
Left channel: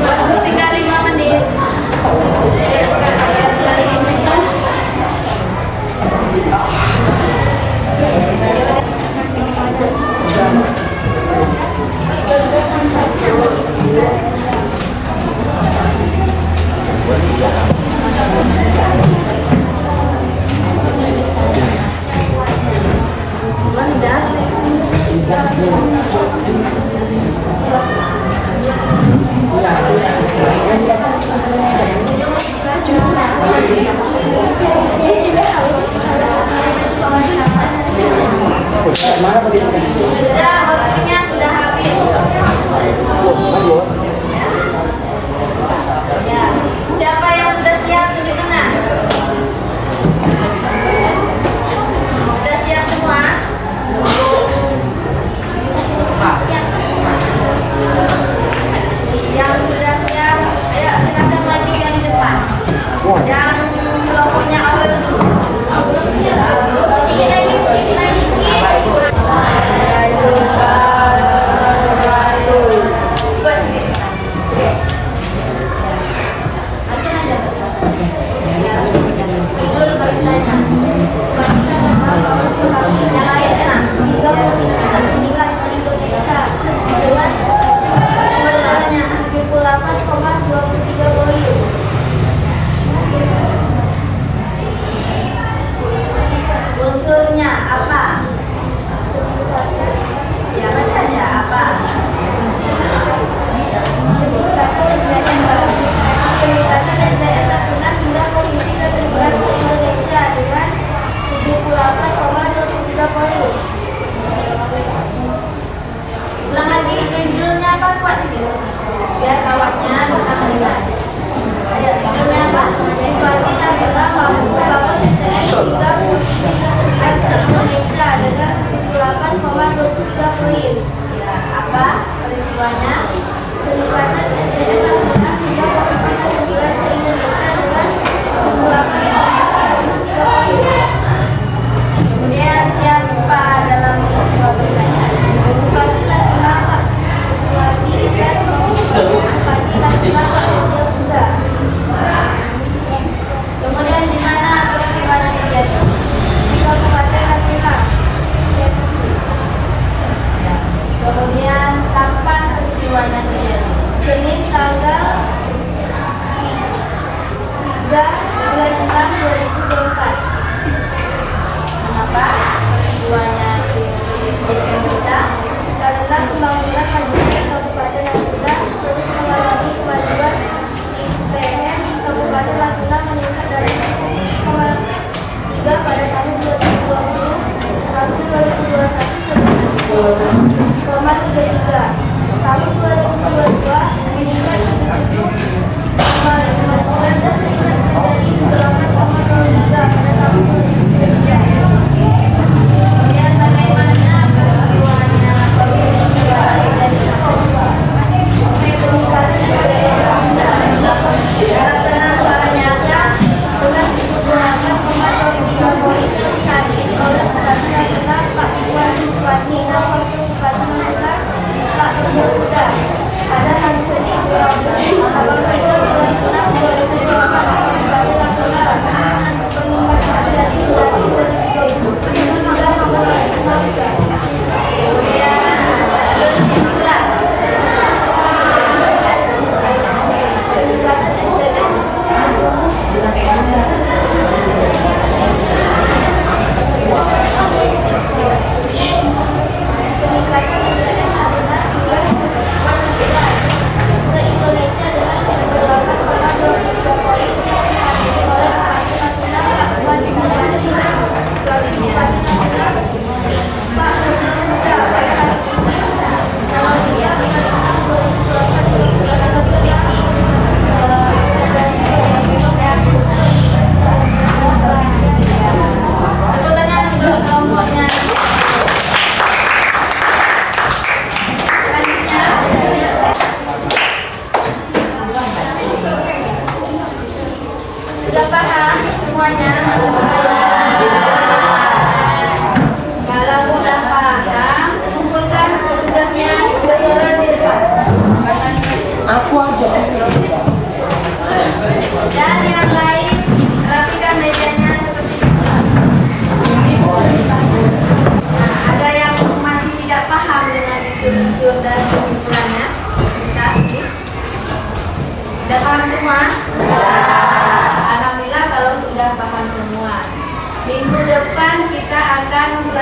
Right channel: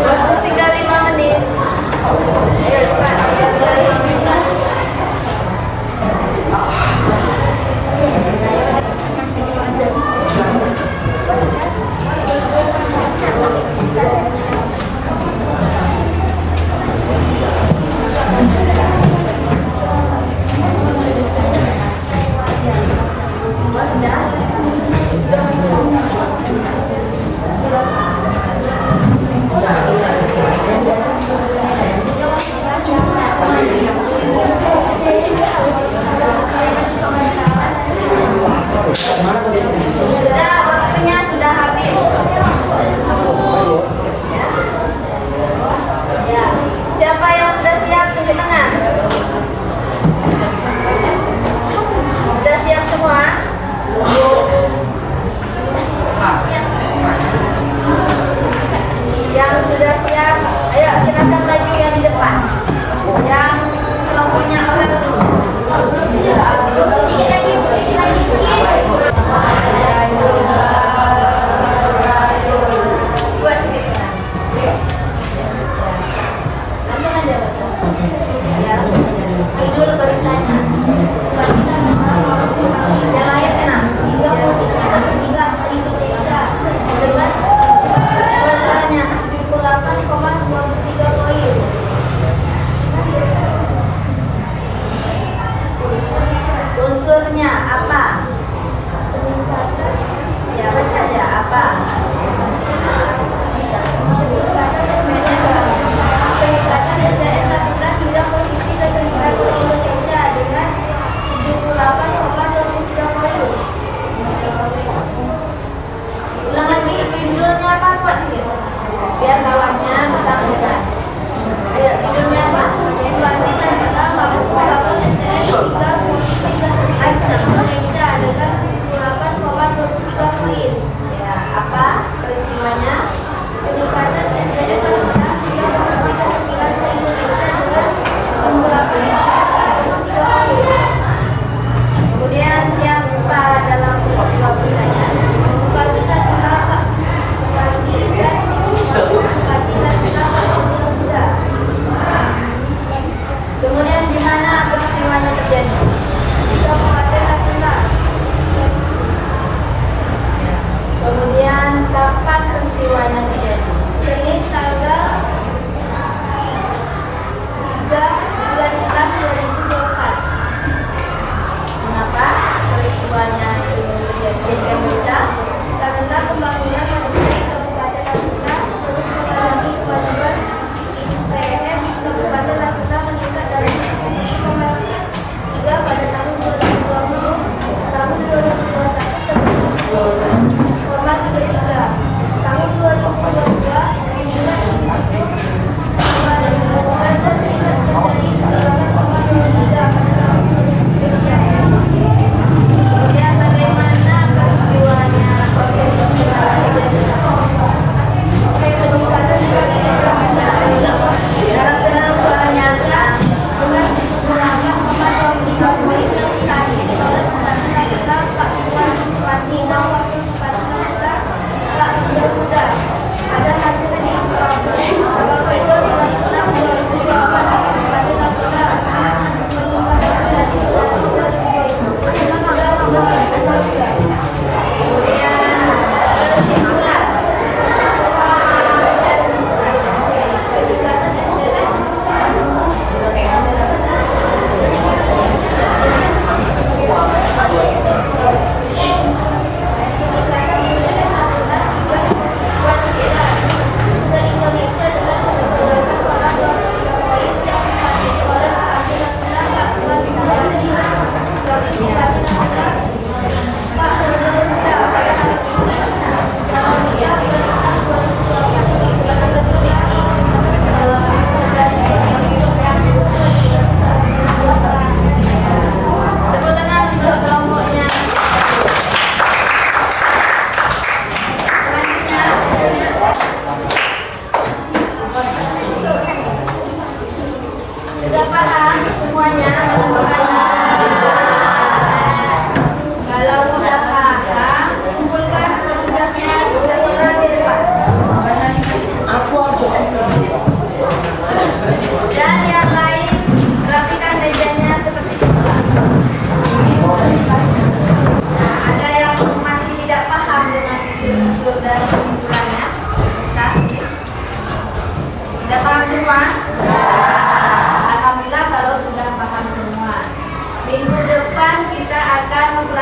Waktu tinggal 5 menit. Sudah, waktunya sudah habis. Ya. Siapa yang sudah siap tunjuk tangan? Sudah siap semua? Yang sudah siap, ayo silakan maju yang di depan. Yang kelompoknya orang langsung aja baca. Ya, judul beritanya. Yang lain enak. Indonesia Bacaannya 78,23 poin.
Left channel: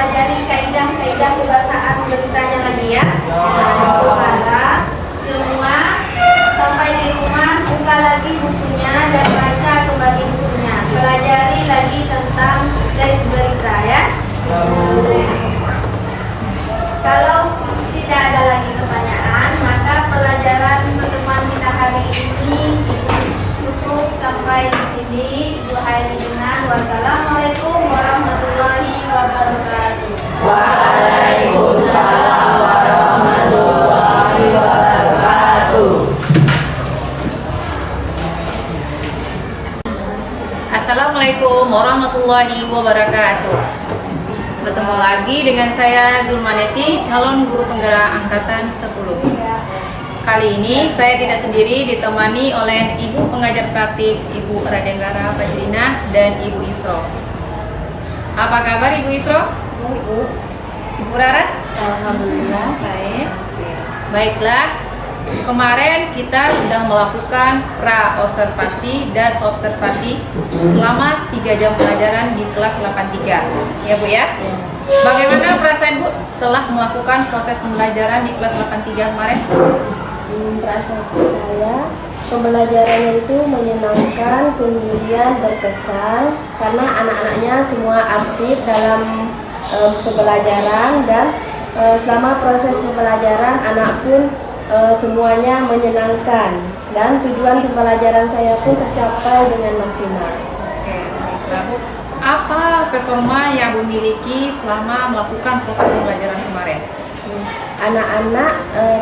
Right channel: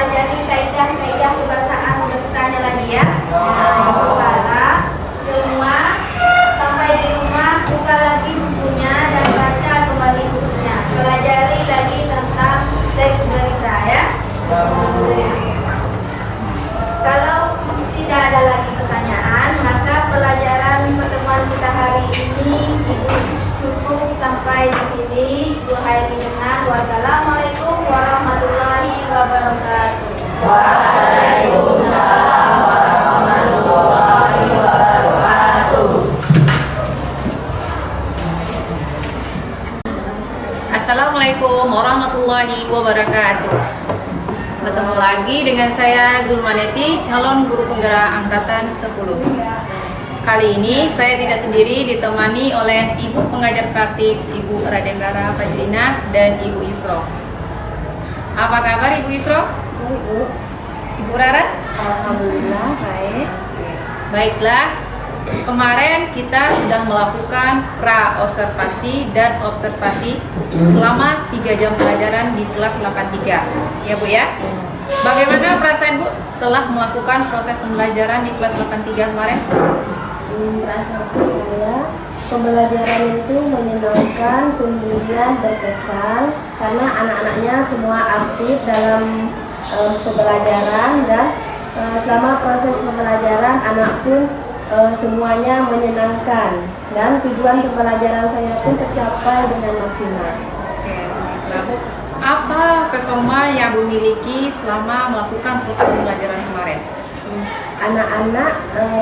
pelajari kaidah-kaidah kebahasaan beritanya lagi ya. Cobalah semua sampai di rumah buka lagi bukunya dan baca kembali bukunya. Pelajari lagi tentang teks berita ya. Kalau tidak ada lagi pertanyaan, maka pelajaran pertemuan kita hari ini cukup sampai di sini. Ibu akhiri dengan wassalamualaikum warahmatullahi wabarakatuh. Waalaikumsalam warahmatullahi wabarakatuh. Assalamualaikum warahmatullahi wabarakatuh. Bertemu lagi dengan saya Zulmaneti, calon guru penggerak angkatan 10. Kali ini saya tidak sendiri, ditemani oleh Ibu pengajar praktik Ibu Raden Rara Fajrina dan Ibu Yusro. Apa kabar Ibu Yusro? Baik, Bu. Ibu Rara? Alhamdulillah baik. Baiklah, kemarin kita sudah melakukan pra-observasi dan observasi selama 3 jam pelajaran di kelas 83. Ya Bu ya? Bagaimana perasaan Bu setelah melakukan proses pembelajaran di kelas 83 kemarin? Perasaan saya pembelajarannya itu menyenangkan, kemudian berkesan karena anak-anaknya semua aktif dalam pembelajaran dan selama proses pembelajaran anak pun semuanya menyenangkan dan tujuan pembelajaran saya pun tercapai dengan maksimal. Oke, baiklah Bu. Apa performa yang Bu miliki selama melakukan proses pembelajaran kemarin? Anak-anak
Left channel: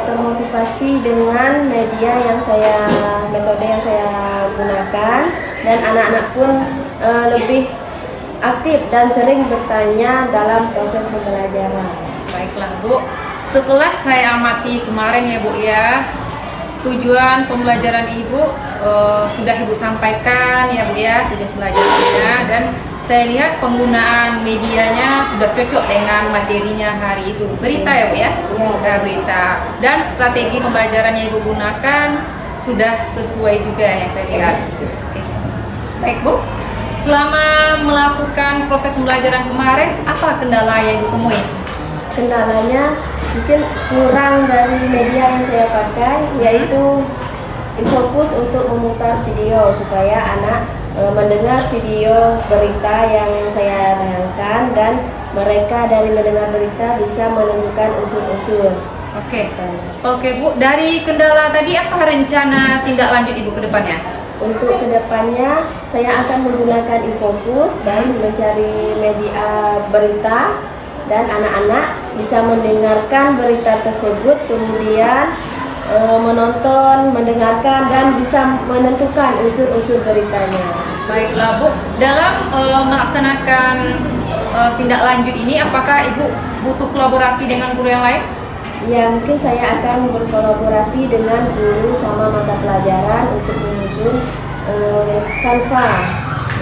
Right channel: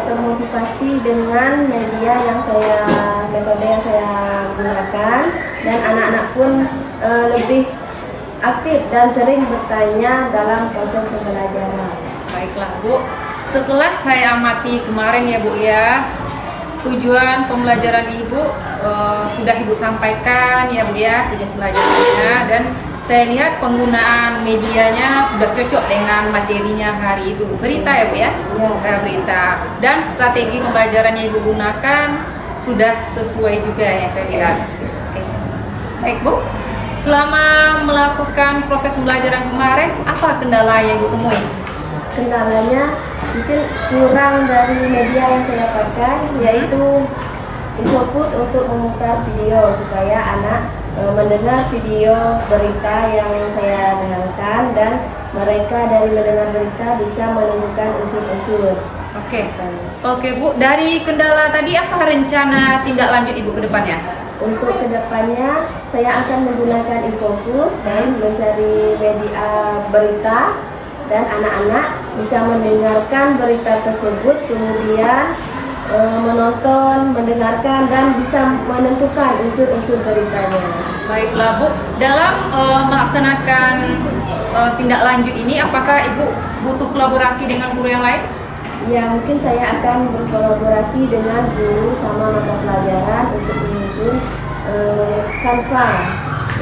termotivasi dengan metode yang saya gunakan dan anak-anak pun lebih aktif dan sering bertanya dalam proses pembelajaran. Baiklah Bu, setelah saya amati kemarin ya Bu ya, tujuan pembelajaran Ibu sudah Ibu sampaikan ya Bu ya, tujuan pembelajarannya, dan saya lihat penggunaan medianya sudah cocok dengan materinya hari itu. Berita ya Bu ya? Ya. Berita. Dan strategi pembelajaran yang Ibu gunakan sudah sesuai juga yang saya lihat. Oke. Baik Bu, selama melakukan proses pembelajaran kemarin, apa kendala yang Ibu temui? Kendalanya mungkin kurang dari media yang saya pakai, yaitu InfoKurs untuk memutar video supaya anak mendengar video berita yang saya tayangkan dan mereka dari mendengar berita bisa menemukan unsur-unsur. Oke. Oke Bu, dari kendala tadi apa rencana tindak lanjut Ibu ke depannya? Untuk kedepannya saya akan menggunakan InfoKurs dan mencari media berita dan anak-anak bisa mendengarkan berita tersebut, kemudian menonton, mendengarkan dan bisa menentukan unsur-unsur beritanya. Baiklah Bu, dalam melaksanakan tindak lanjut ini, apakah Ibu butuh kolaborasi dengan guru yang lain? Ya, mungkin saya akan berkolaborasi dengan guru sama mata pelajaran untuk menyusun Canva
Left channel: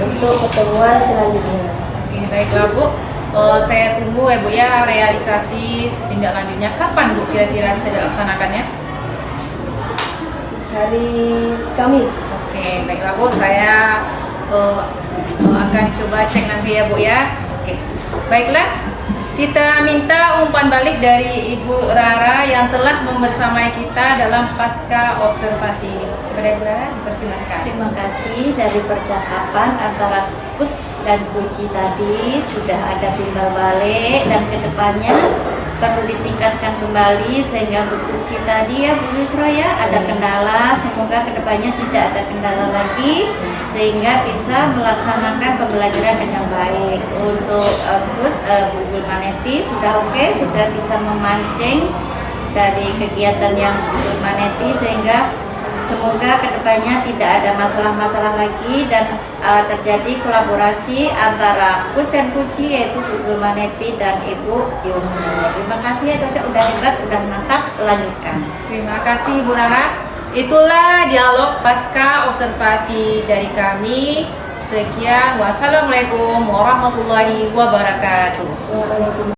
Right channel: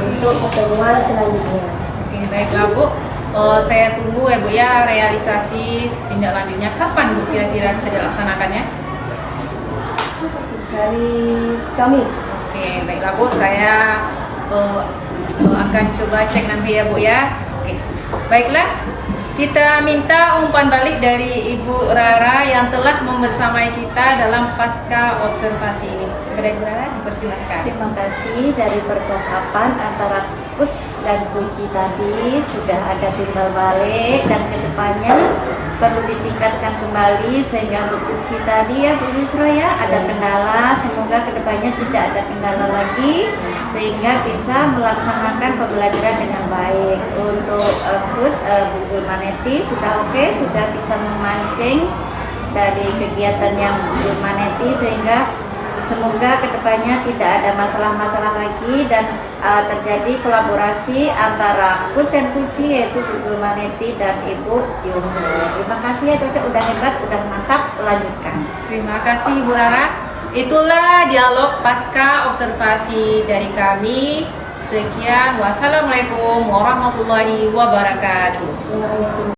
untuk pertemuan selanjutnya. Oke, baiklah Bu, saya tunggu ya Bu ya realisasi tindak lanjutnya. Kapan Bu kira-kira bisa dilaksanakannya? Hari Kamis. Oke, baiklah Bu, saya akan coba cek nanti ya Bu ya. Oke, baiklah, kita minta umpan balik dari Ibu Rara yang telah membersamai kita dalam pasca observasi ini. Kepada Ibu Rara, dipersilahkan. Terima kasih. Dari percakapan antara Coach dan Kunci tadi sudah ada timbal balik, dan kedepannya perlu ditingkatkan kembali sehingga untuk Kunci tadi ya Bu Yusro ya ada kendala, semoga kedepannya tidak ada kendala lagi sehingga bisa melaksanakan pembelajaran dengan baik. Untuk Coach Bu Zulmaneti sudah oke, sudah bisa memancing dari kegiatan yang Bu Zulmaneti sehingga semoga kedepannya tidak ada masalah-masalah lagi dan terjadi kolaborasi antara Coach dan Kunci yaitu Bu Zulmaneti dan Ibu Yusro. Terima kasih ya Dok, udah hebat, udah mantap, lanjutkan. Terima kasih Bu Rara. Itulah dialog pasca observasi dari kami. Sekian, wassalamualaikum warahmatullahi wabarakatuh. Waalaikumsalam.